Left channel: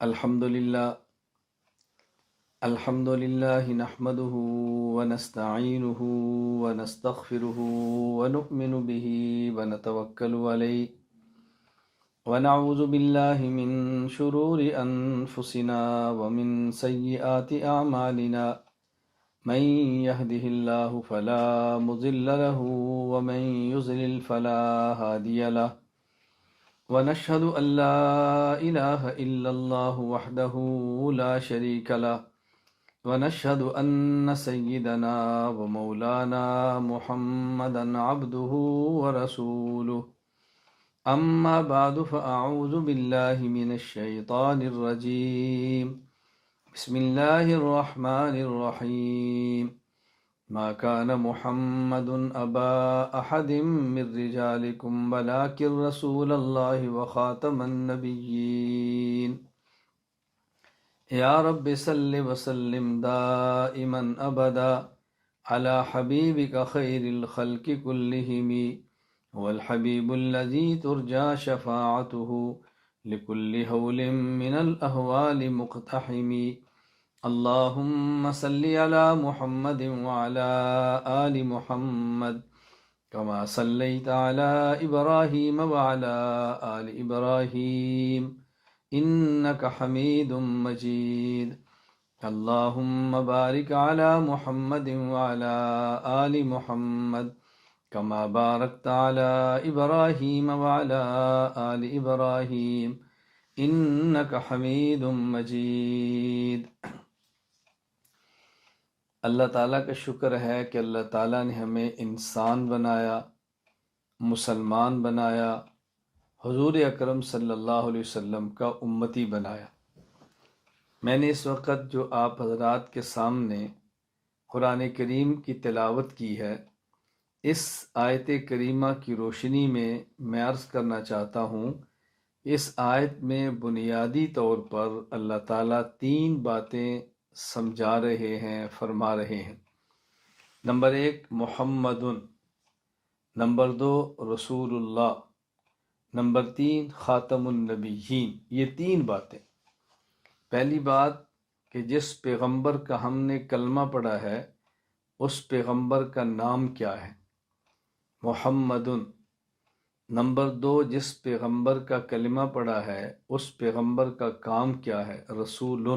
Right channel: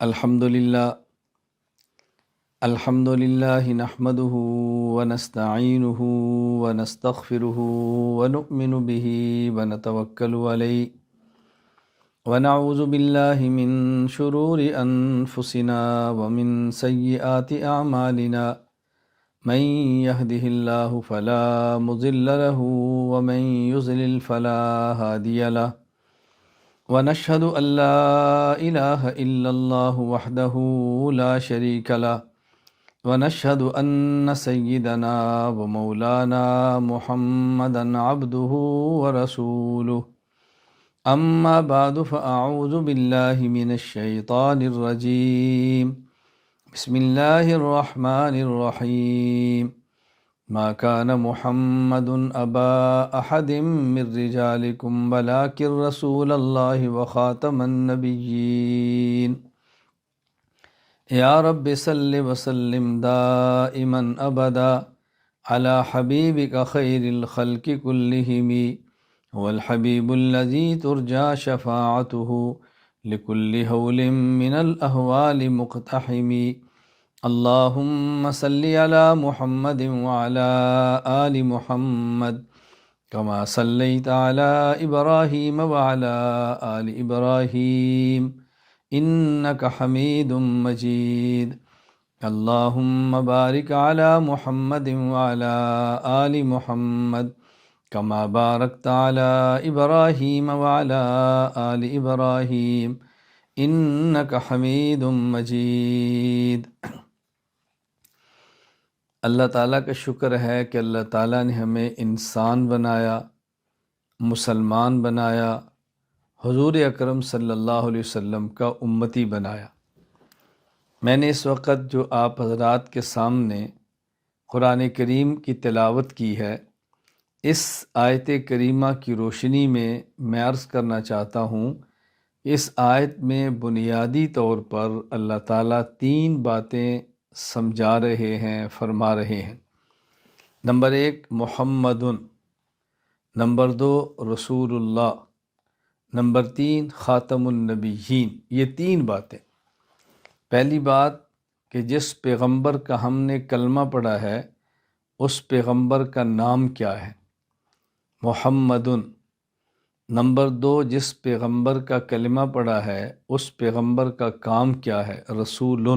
الحمد للہ نحمده ونستعینه ونستغفره ونؤمن به ونتوکل علیہ ونعوذ باللہ من شرور انفسنا ومن سیئات اعمالنا من يهده الله فلا مضل له ومن يضلل فلا هادي له ونشهد أن لا إله إلا الله وحده لا شريك له ونشهد أن سيدنا ومولانا محمدا عبده ورسوله أما بعد فأعوذ بالله من الشيطان الرجيم بسم الله الرحمن الرحيم ما كان محمد أبا أحد من رجالكم ولكن رسول الله وخاتم النبيين يا رب صل وسلم دائما أبدا على حبيبك خير الخلق كلهم هو الحبيب الذي ترجى شفاعته لكل هول من الأهوال مقتحم اللهم صل على محمد وعلى آل محمد كما صليت على إبراهيم وعلى آل إبراهيم إنك حميد مجيد اللهم بارك على محمد وعلى آل محمد كما باركت على إبراهيم وعلى آل إبراهيم إنك حميد مجيد۔ اللہ تعالیٰ کا شکر ہے کہ اللہ تعالیٰ نے ہمیں انسان بنایا، مسلمان بنایا، حضور اکرم صلی اللہ علیہ وسلم کا امتی بنایا۔ میں نے اس وقت جو آپ حضرات کے سامنے قرآن کریم کی تلاوت کی ہے، اس آیت کریمہ کی روشنی میں عرض کرنا چاہتا ہوں، اس آیت میں بنیادی طور پر اللہ تعالیٰ 3 باتیں سمجھا رہے ہیں، فرما رہے ہیں۔ نمبر 1 محمد، نمبر 2 رسول اللہ، نمبر 3 خاتم النبیین۔ یہ 3 باتیں۔ پہلی بات کہ جس پیغمبر کا ہم نے کلمہ پڑھا ہے اس پیغمبر کا نام کیا ہے، محمد۔ نمبر 2 جس پیغمبر کا کلمہ پڑھا ہے اس پیغمبر کا کام کیا ہے، رسول۔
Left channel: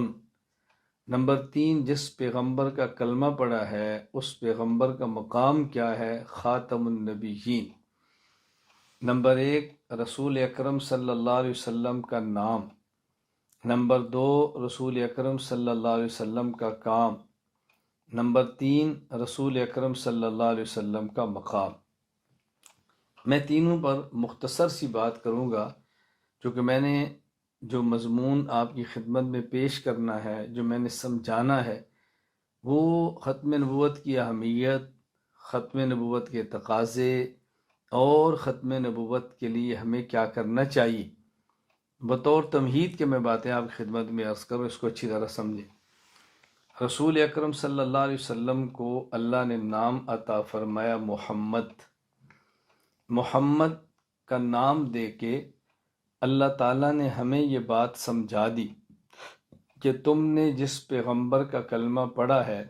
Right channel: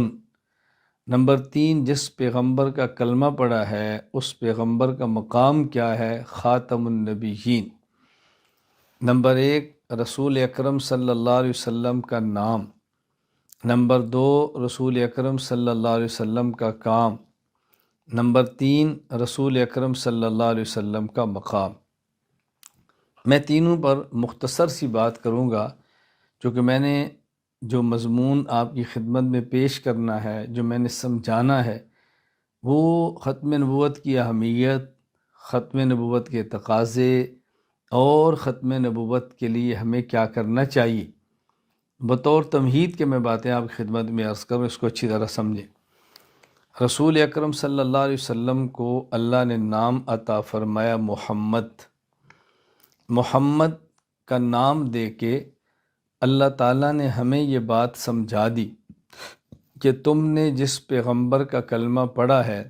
نمبر 3 جس پیغمبر کا کلمہ پڑھا ہے اس پیغمبر کا مقام کیا ہے، خاتم النبیین۔ نمبر 1 رسول اکرم صلی اللہ علیہ وسلم کا نام، نمبر 2 رسول اکرم صلی اللہ علیہ وسلم کا کام، نمبر 3 رسول اکرم صلی اللہ علیہ وسلم کا مقام۔ میں تینوں پر مختصر سی بات کروں گا، چونکہ میں نے جو مضمون آپ کی خدمت میں پیش کرنا ہے، جو میں نے سمجھانا ہے، وہ ختم نبوت کی اہمیت، ختم نبوت کے تقاضے اور ختم نبوت کے لیے ہمیں کیا کرنا چاہیے، بطور تمہید کے میں باتیں آپ کی خدمت میں عرض کروں، اس کو اچھی طرح سمجھیں۔ رسول اکرم صلی اللہ علیہ وسلم کو اللہ نے نام عطا فرمایا محمد۔ محمد کا نام دے کے اللہ تعالیٰ نے ہمیں یہ بات سمجھا دی کہ تم نے جس پیغمبر کا کلمہ پڑھا ہے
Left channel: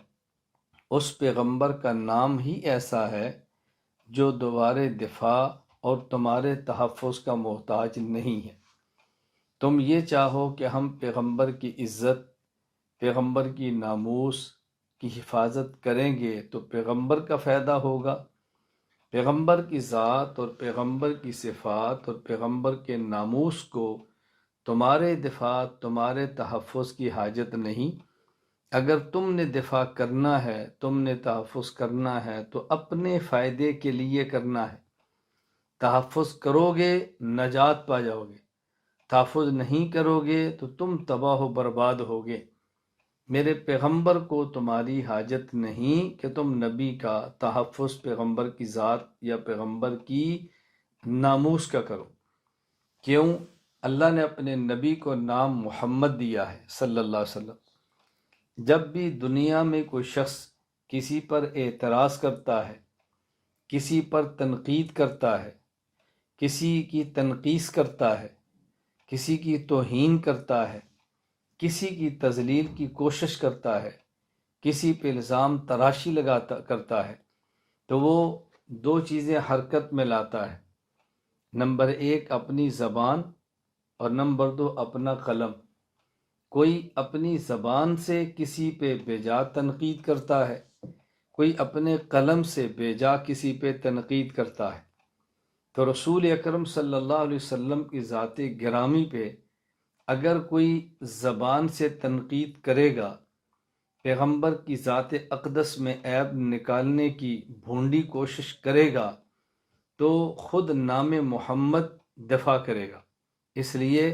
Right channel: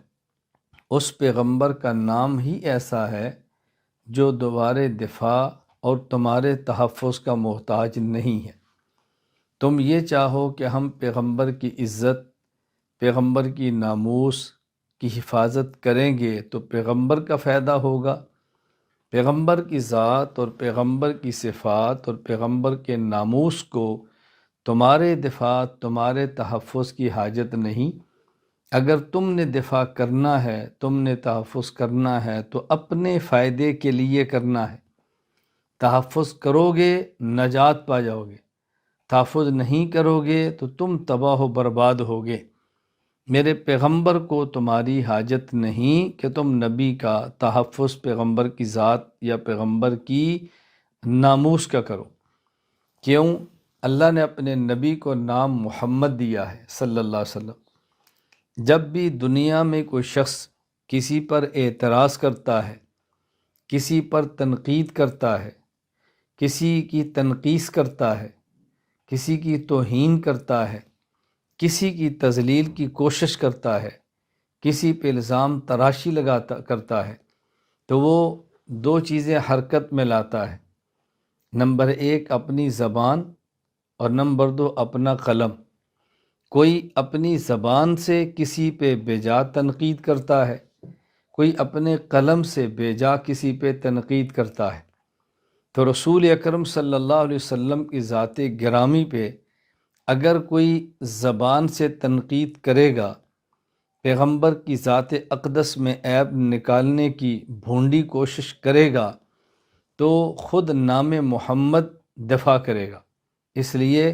اس پیغمبر کا نام ہی ایسا ہے جو دوبارہ دفاع اور تمہارے تحفظ کا محتاج نہیں ہے۔ تم یہ چاہو کہ ہم پیغمبر کی عزت، پیغمبر کی ناموس کی حفاظت کریں گے تو پیغمبر کا فائدہ ہوگا۔ پیغمبر کی ذات اور پیغمبر کی صفات اور پیغمبر کے ناموس کو تمہارے دفاع، تمہارے تحفظ کی حاجت نہیں۔ اگر تم نے دفاع کرنا ہے، تم نے تحفظ کرنا ہے تو اپنے فائدے کے لیے کرنا ہے۔ تحفظ کرو گے نجات پا جاؤ گے، تحفظ نہیں کرو گے تو تم تباہ و برباد ہوگے۔ میرے پیغمبر کو تمہاری حاجت نہیں کہ تم نبی کا تحفظ پیغمبر کی ذات یا پیغمبر کی ناموس کا کرو۔ کیوں؟ اللہ نے اپنے نبی کو نام محمد دیا ہے صلی اللہ علیہ وسلم۔ جب بھی دنیا میں کوئی شخص کسی پر اعتراض کرتا ہے، کسی پر تنقید کرتا ہے، کسی کی تنقیص کرتا ہے، کسی کی توہین کرتا ہے، کسی کی تذلیل کی کوشش کرتا ہے، کسی پہ الزام تراشی کرتا ہے، تو وہ دو چیزیں حرکت میں لاتا ہے۔ نمبر ایک اپنی زبان، اور نمبر دو اپنا قلم۔ کوئی اپنی زبان سے کسی پہ بے تنقید کرتا ہے، کوئی اپنے قلم سے بے جا کسی پہ تنقید کرتا ہے۔ تو رسول اکرم صلی اللہ علیہ وسلم کی ذات گرامی پہ اگر کوئی زبان سے تنقید کرے گا، پیغمبر کی ذات اقدس میں عیب نکالنے کی بھونڈی کوشش کرے گا، تو خود نام محمد دفاع کرے گا۔ اس لیے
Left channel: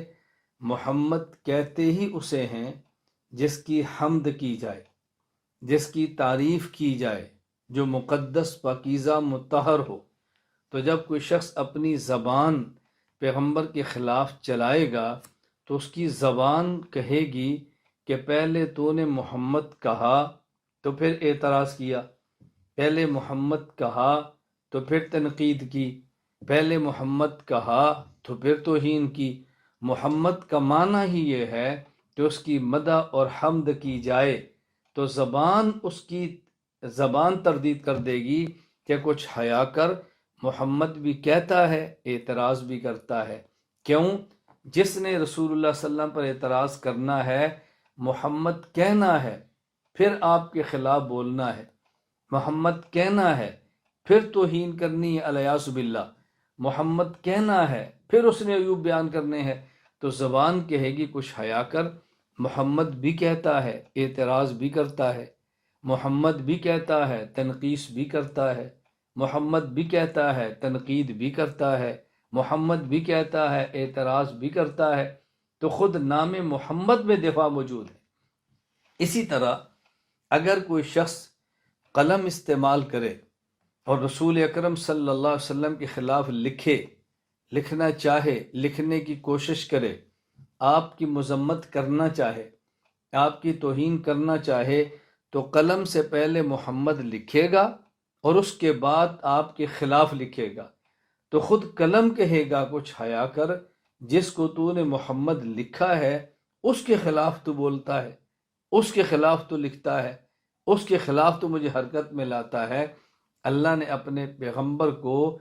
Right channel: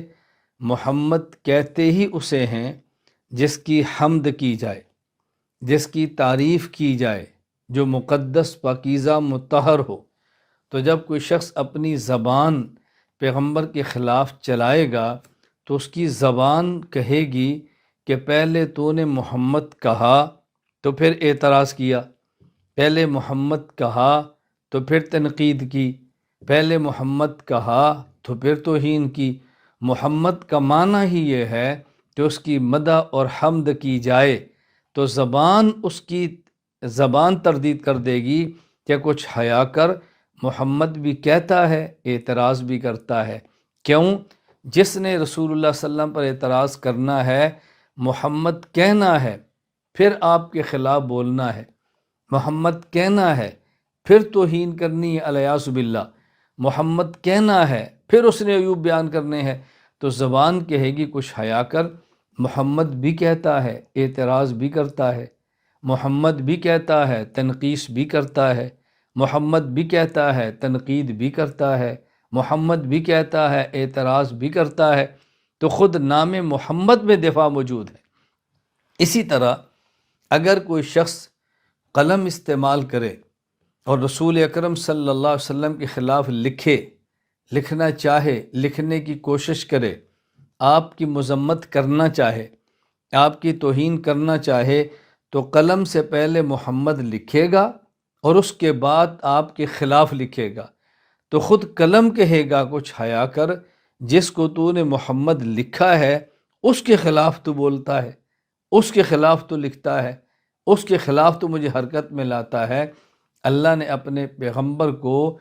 محمد کہتے ہی اسے ہیں جس کی حمد کی جائے، جس کی تعریف کی جائے، جو مقدس پاکیزہ مطہر ہو۔ تو جب کوئی شخص اپنی زبان پیغمبر کے خلاف چلائے گا تو اس کی زبان کہے گی کہ پہلے تو نے محمد کہا تو پھر اعتراض کیا، پہلے محمد کہا تو پھر تنقید کی، پہلے محمد کہا تو پھر توہین کی۔ محمد کا معنی ہی یہ ہے کہ اس کی مدح اور حمد کی جائے، تو زبان اس کی زبان تردید کر دے گی کہ کچھ حیا کر، محمد بھی کہتا ہے اعتراض بھی کرتا ہے۔ کیوں؟ جس نے رسول اللہ صلی اللہ علیہ وسلم پر اعتراض کرنا ہے، محمد کہنا ہے، پھر آپ کے خلاف بولنا ہے، محمد کہنا ہے، پھر توہین کرنی ہے الیاذ باللہ، محمد کہنا ہے، پھر اس نے عیوب بیان کرنے ہیں، تو زبان کہے گی کچھ حیا کر، محمد بھی کہتا ہے اعتراض بھی کرتا ہے، محمد بھی کہتا ہے تنقیص بھی کرتا ہے، محمد بھی کہتا ہے تنقید بھی کرتا ہے، محمد بھی کہتا ہے اعتراض بھی کرتا ہے، تو خود نام محمد میں دفاع موجود ہے۔ اسی طرح اگر کوئی شخص قلم استعمال کرے اور رسول اکرم صلی اللہ علیہ وسلم کے خلاف لکھنا چاہے، لکھنے کی کوشش کرے، آپ کی مذمت کرنا چاہے، آپ کی توہین کرنا چاہے، تو قلم سے پہلے محمد لکھے گا اور اس کے بعد آپ کے خلاف لکھے گا، تو خود قلم کہے گا کچھ حیا کر، جس کو تو نے محمد لکھا ہے اس کے خلاف تو بولتا ہے، اس کے خلاف تو لکھتا ہے، اس کے خلاف تو مجھے حرکت میں لاتا ہے۔ اللہ نے اپنے پیغمبر کو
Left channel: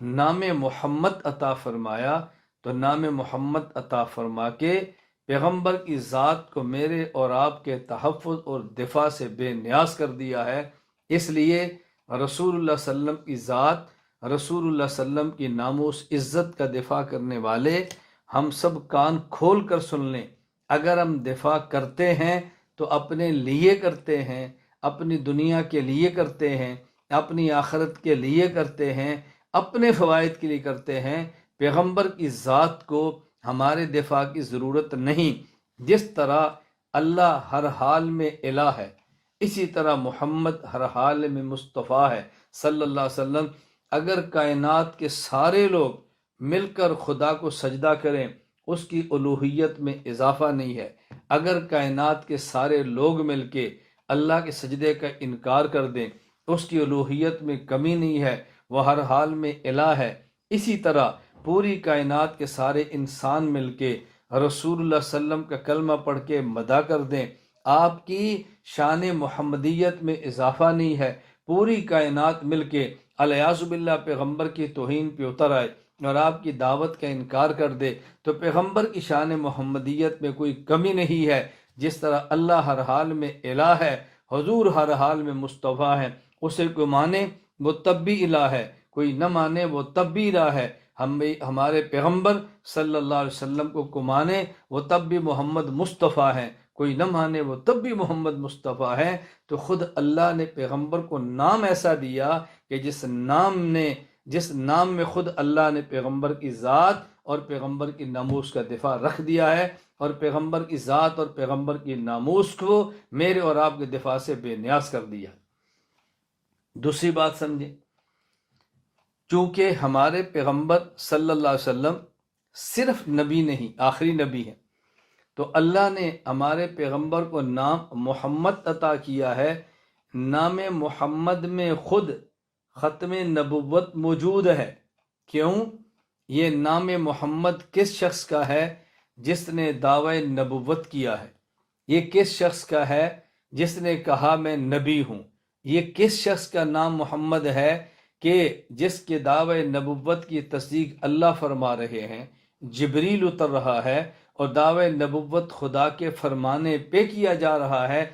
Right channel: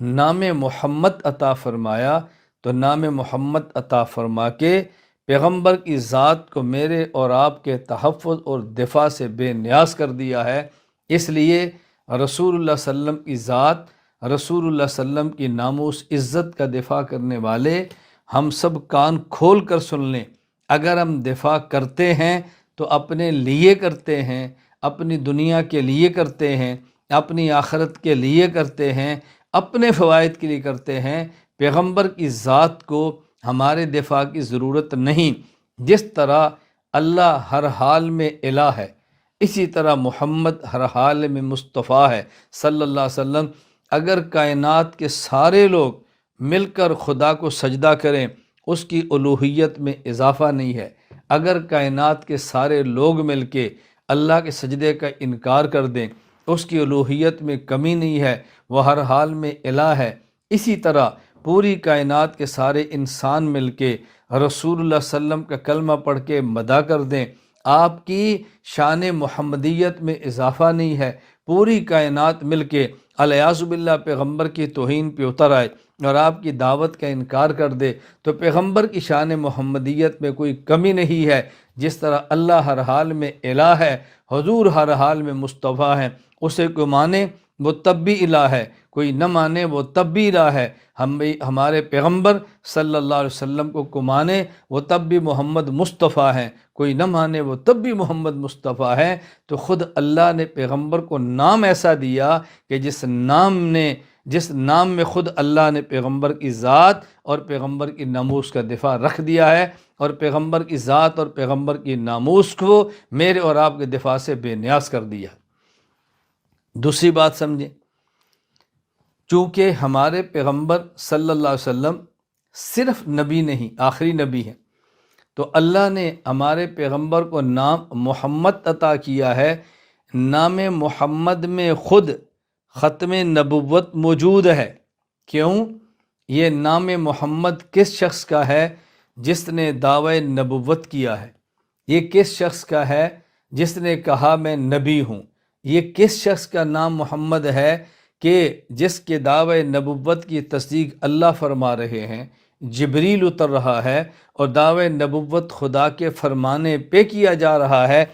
نام محمد عطا فرمایا، تو نام محمد عطا فرما کے پیغمبر کی ذات کو میرے اور آپ کے تحفظ اور دفاع سے بے نیاز کر دیا ہے۔ اس لیے رسول اللہ صلی اللہ علیہ وسلم کی ذات، رسول اللہ صلی اللہ علیہ وسلم کی ناموس عزت کا دفاع کرنے والے ہم سب کان کھول کر سن لیں۔ اگر ہم دفاع کرتے ہیں تو اپنے لیے کرتے ہیں، اپنی دنیا کے لیے کرتے ہیں، اپنی آخرت کے لیے کرتے ہیں، اپنے فوائد کے لیے کرتے ہیں۔ پیغمبر کی ذات کو ہمارے دفاع کی ضرورت نہیں۔ جس طرح اللہ ہر حال میں الہ ہے، اسی طرح محمد ہر حال میں مصطفیٰ ہے صلی اللہ علیہ وسلم۔ اگر کائنات کے سارے لوگ مل کر خدا کو سجدہ کریں، اس کی الوہیت میں اضافہ نہیں ہے۔ اگر کائنات کے سارے لوگ مل کے اللہ کے سجدے کا انکار کر دیں، اس کی الوہیت میں کمی نہیں ہے، وہ ہر حال میں الہ ہے۔ اسی طرح پوری کائنات کے سارے انسان مل کے رسول اللہ صلی اللہ علیہ وسلم کا کلمہ پڑھ کے مدح کر دیں، آپ کی شان محمدیت میں اضافہ نہیں ہے۔ پوری کائنات مل کے الیاذ باللہ پیغمبر کی توہین پہ اتر آئے اور آپ کی دعوت کا انکار کر دے، تو پیغمبر کی شان محمدیت میں کوئی کمی نہیں ہے۔ جس طرح اللہ ہر حال میں الہ ہے، حضور ہر حال میں مصطفیٰ ہے، اسے کوئی مانے وہ تب بھی الہ ہے، کوئی نہ مانے وہ تب بھی الہ ہے۔ ہمارے پیغمبر صلی اللہ علیہ وسلم کو مانے وہ تب بھی محمد مصطفیٰ ہیں، کوئی نہ مانے وہ تب بھی محمد مصطفیٰ ہے۔ تو خود اللہ نے پیغمبر کو نام ایسا دیا کہ جس نام میں خود اللہ نے پیغمبر کی ذات اور پیغمبر کی ناموس کا دفاع رکھ دیا ہے، اور پیغمبر کی ذات اور پیغمبر کی ناموس کو میرے اور آپ کے دفاع سے بے نیاز کر دیا۔ دوسری بات سمجھیں، چونکہ ہمارے پیغمبر صلی اللہ علیہ وسلم صرف نبی نہیں، آخری نبی ہیں، تو اللہ نے ہمارے پیغمبر کو نام محمد عطا کیا ہے۔ نام محمد میں خود ختم نبوت موجود ہے۔ کیوں؟ یہ نام محمد کس شخص کا ہے؟ جس نے دعوی نبوت کیا ہے، یہ کس شخص کا ہے جس نے کہا میں نبی ہوں؟ یہ کس شخص کا نام محمد ہے کہ جس کے دعوے نبوت کی تصدیق اللہ فرما رہے ہیں، جبریل اتر رہا ہے اور دعوے نبوت خدا کے فرمانے پہ کیا جا رہا ہے؟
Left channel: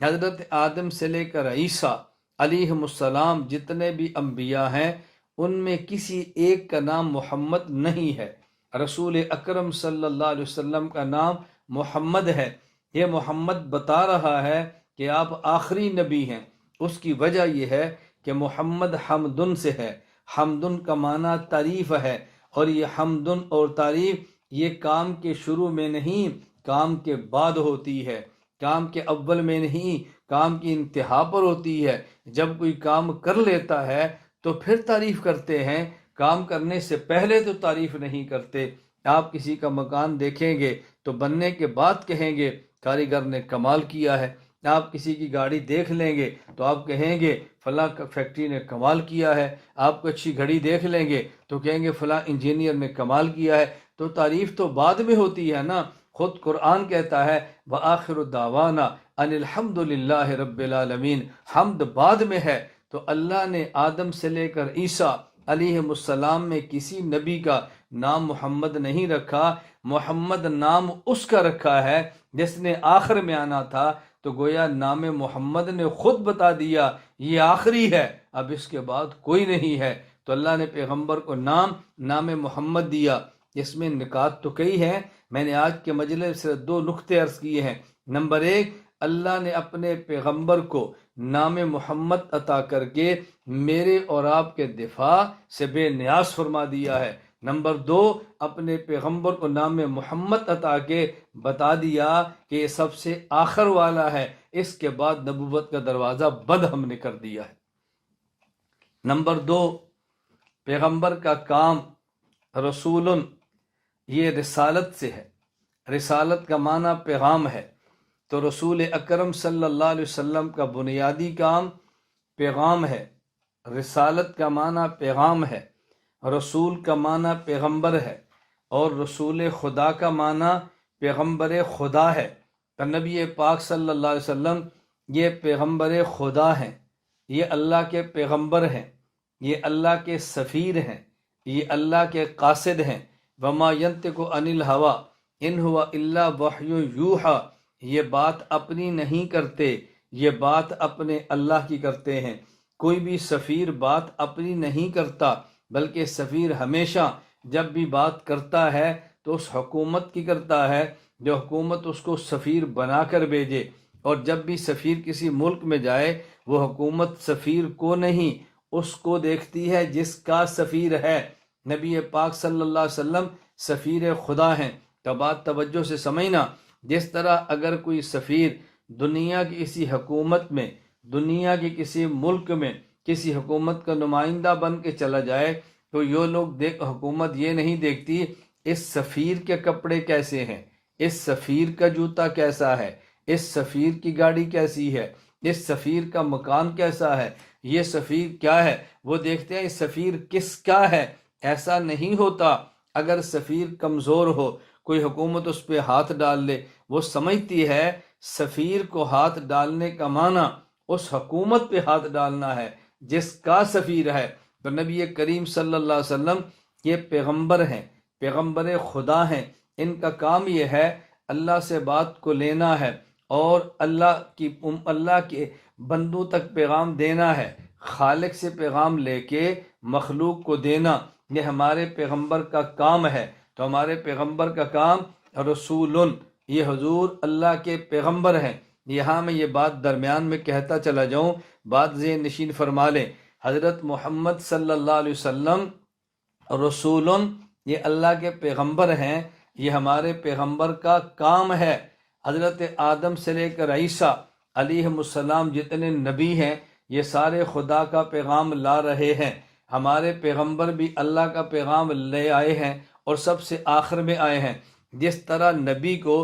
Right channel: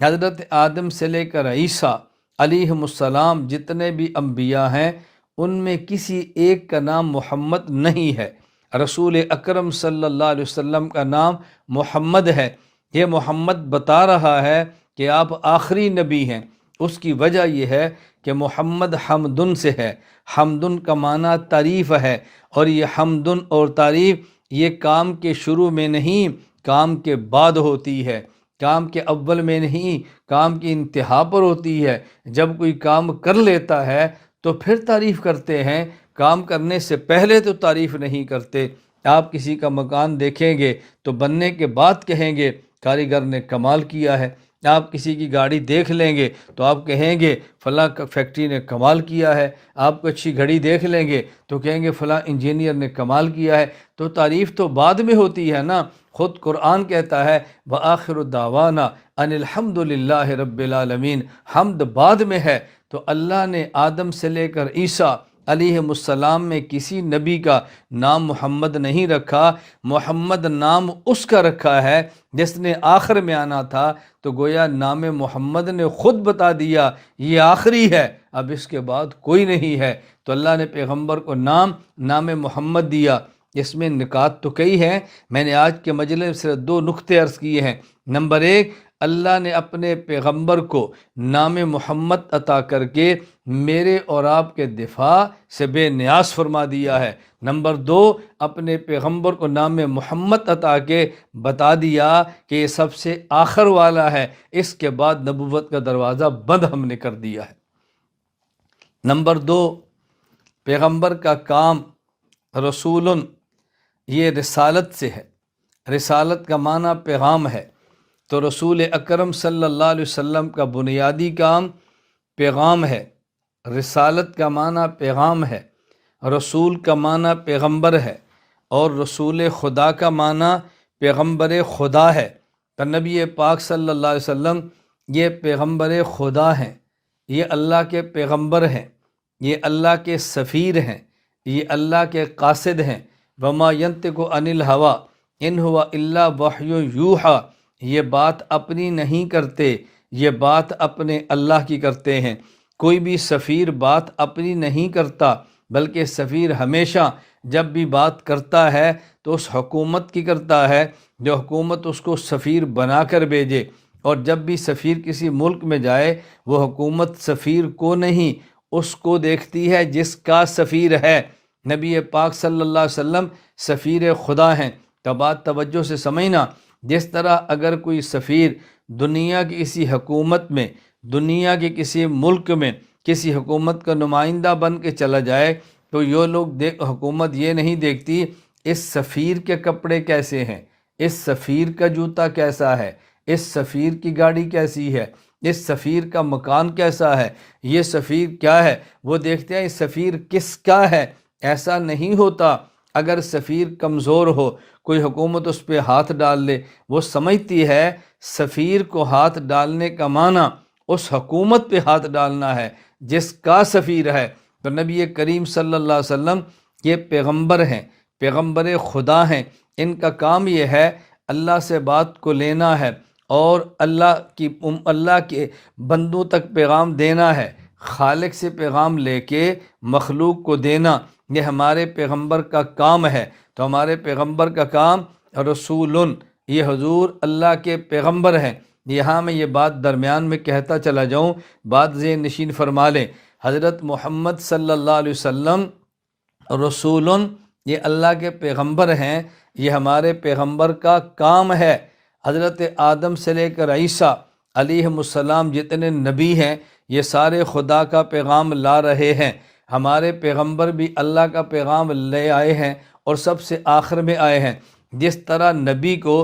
حضرت آدم سے لے کر عیسیٰ علیہ السلام جتنے بھی انبیاء ہیں ان میں کسی ایک کا نام محمد نہیں ہے۔ رسول اکرم صلی اللہ علیہ وسلم کا نام محمد ہے۔ یہ محمد بتا رہا ہے کہ آپ آخری نبی ہیں۔ اس کی وجہ یہ ہے کہ محمد حمدن سے ہے۔ حمدن کا معنی تعریف ہے، اور یہ حمدن اور تعریف یہ کام کے شروع میں نہیں، کام کے بعد ہوتی ہے، کام کے اول میں نہیں، کام کی انتہا پر ہوتی ہے۔ جب کوئی کام کر لیتا ہے تو پھر تعریف کرتے ہیں، کام کرنے سے پہلے تو تعریف نہیں کرتے۔ آپ کسی کا مکان دیکھیں گے تو بننے کے بعد کہیں گے کاریگر نے کمال کیا ہے۔ آپ کسی کی گاڑی دیکھ لیں گے تو آپ کہیں گے فلاں فیکٹری نے کمال کیا ہے۔ آپ کو اچھی گھڑی دیکھ لیں گے تو کہیں گے فلاں انجینئر نے کمال کیا ہے۔ تو تعریف تو بعد میں ہوتی ہے نا۔ خود قرآن کہتا ہے وآخر دعوانا ان الحمد للہ رب العالمین، حمد بعد میں ہے۔ تو اللہ نے آدم سے لے کر عیسیٰ علیہ السلام میں کسی نبی کا نام محمد نہیں رکھا۔ محمد نام اس کا رکھا ہے جس نے آخر میں آنا تھا، تو گویا نام محمد نے خود بتا دیا یہ آخری ہے، اب اس کے بعد کوئی نہیں ہے۔ تو اللہ نے پیغمبر کو نام محمد دیا۔ اس میں نکات تو کئی ہیں، میں نے آج کے مجلس میں صرف 2 نقطے عرض کیے ہیں۔ نمبر 1، اللہ نے اپنے پیغمبر کو نام محمد عطا کر کے میرے اور آپ کے دفاع سے بے نیاز فرما دیا ہے۔ نمبر 2، اپنے پیغمبر کو نام محمد عطا کے بتا دیا کہ یہ سب سے آخر والا ہے، اس کے بعد نبوت کا دروازہ بند ہم نے کر دیا ہے۔ نمبر 2، پیغمبر کا کام رسول، یہ رسالت سے ہے۔ رسالت کا معنی پیغام ہے، تو رسول اکرم صلی اللہ علیہ وسلم کا بنیادی کام پیغام ہے۔ رسالت کا معنی پیغام ہے، رسول کا معنی پیغمبر ہے، اور رسول خدا کا معنی پیغمبر خدا ہے۔ تو نبی پاک صلی اللہ علیہ وسلم یہ پیغمبر خدا ہیں، یہ اللہ کے پیغمبر ہیں، یہ اللہ کے سفیر ہیں، یہ اللہ کے قاصد ہیں۔ وما ینطق عن الہویٰ ان ہوا الا وحی یوحیٰ، یہ بات اپنی نہیں کرتے، یہ بات اپنے اللہ کی کرتے ہیں۔ کوئی بھی سفیر بات اپنی نہیں کرتا، بلکہ سفیر ہمیشہ جب بھی بات کرتا ہے تو اس حکومت کی کرتا ہے جو حکومت اس کو سفیر بنا کر بھیجے، اور جب بھی سفیر کسی ملک میں جائے وہ حکومت سفیر کو نہیں، اس کو دیکھتی ہے جس کا سفیر ہے۔ نبی پاک صلی اللہ علیہ وسلم سفیر خدا ہیں۔ تو بات توجہ سے سمجھنا، جس طرح اگر کوئی سفیر دنیا کی کسی حکومت میں، دنیا کے کسی ملک میں کسی حکومت کا نمائندہ بن کے چلا جائے تو یہ لوگ حکومت یہ نہیں دیکھتی اس سفیر کے کپڑے کیسے ہیں، اس سفیر کا جوتا کیسا ہے، اس سفیر کی گاڑی کیسی ہے، اس سفیر کا مکان کیسا ہے، یہ سفیر کیا ہے، وہ دیکھتے ہیں اس سفیر کس کا ہے۔ ایسا نہیں ہوتا۔ اگر سفیر کمزور ہو، کوئی حکومت اس پہ ہاتھ ڈال دے، وہ سمجھتی ہے سفیر کو ہاتھ ڈالنے کا معنی اس حکومت پہ ہاتھ ڈالنا ہے جس کا سفیر ہے۔ تو نبی کریم صلی اللہ علیہ وسلم یہ پیغمبر ہیں، پیغمبر خدا ہیں۔ ان کا کام یہ ہے اللہ سے بات کو لینا ہے اور اللہ کے بندوں تک پیغام دینا ہے، خالق سے پیغام لے کے مخلوق کو دینا، یہ ہمارے پیغمبر کا کام ہے۔ تو ہمارے پیغمبر کا کام رسول، یہ حضور اللہ کے پیغمبر ہیں۔ یہاں میں یہ بات درمیان میں کہتا چلا جاؤں، بات ذہن نشین فرما لیں۔ حضرت محمد صلی اللہ علیہ وسلم رسول، یہ اللہ کے پیغمبر ہیں، یہ ہمارے پیغمبر کا کام ہے۔ حضرت آدم سے لے کر عیسیٰ علیہ السلام جتنے نبی ہیں یہ سارے خدا کا پیغام لا رہے ہیں۔ ہمارے پیغمبر بھی اللہ کا پیغام لے آئے ہیں اور سب سے آخر میں آئے ہیں۔ جس طرح نبی کو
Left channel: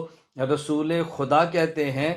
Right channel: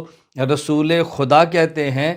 رسول خدا کہتے ہیں،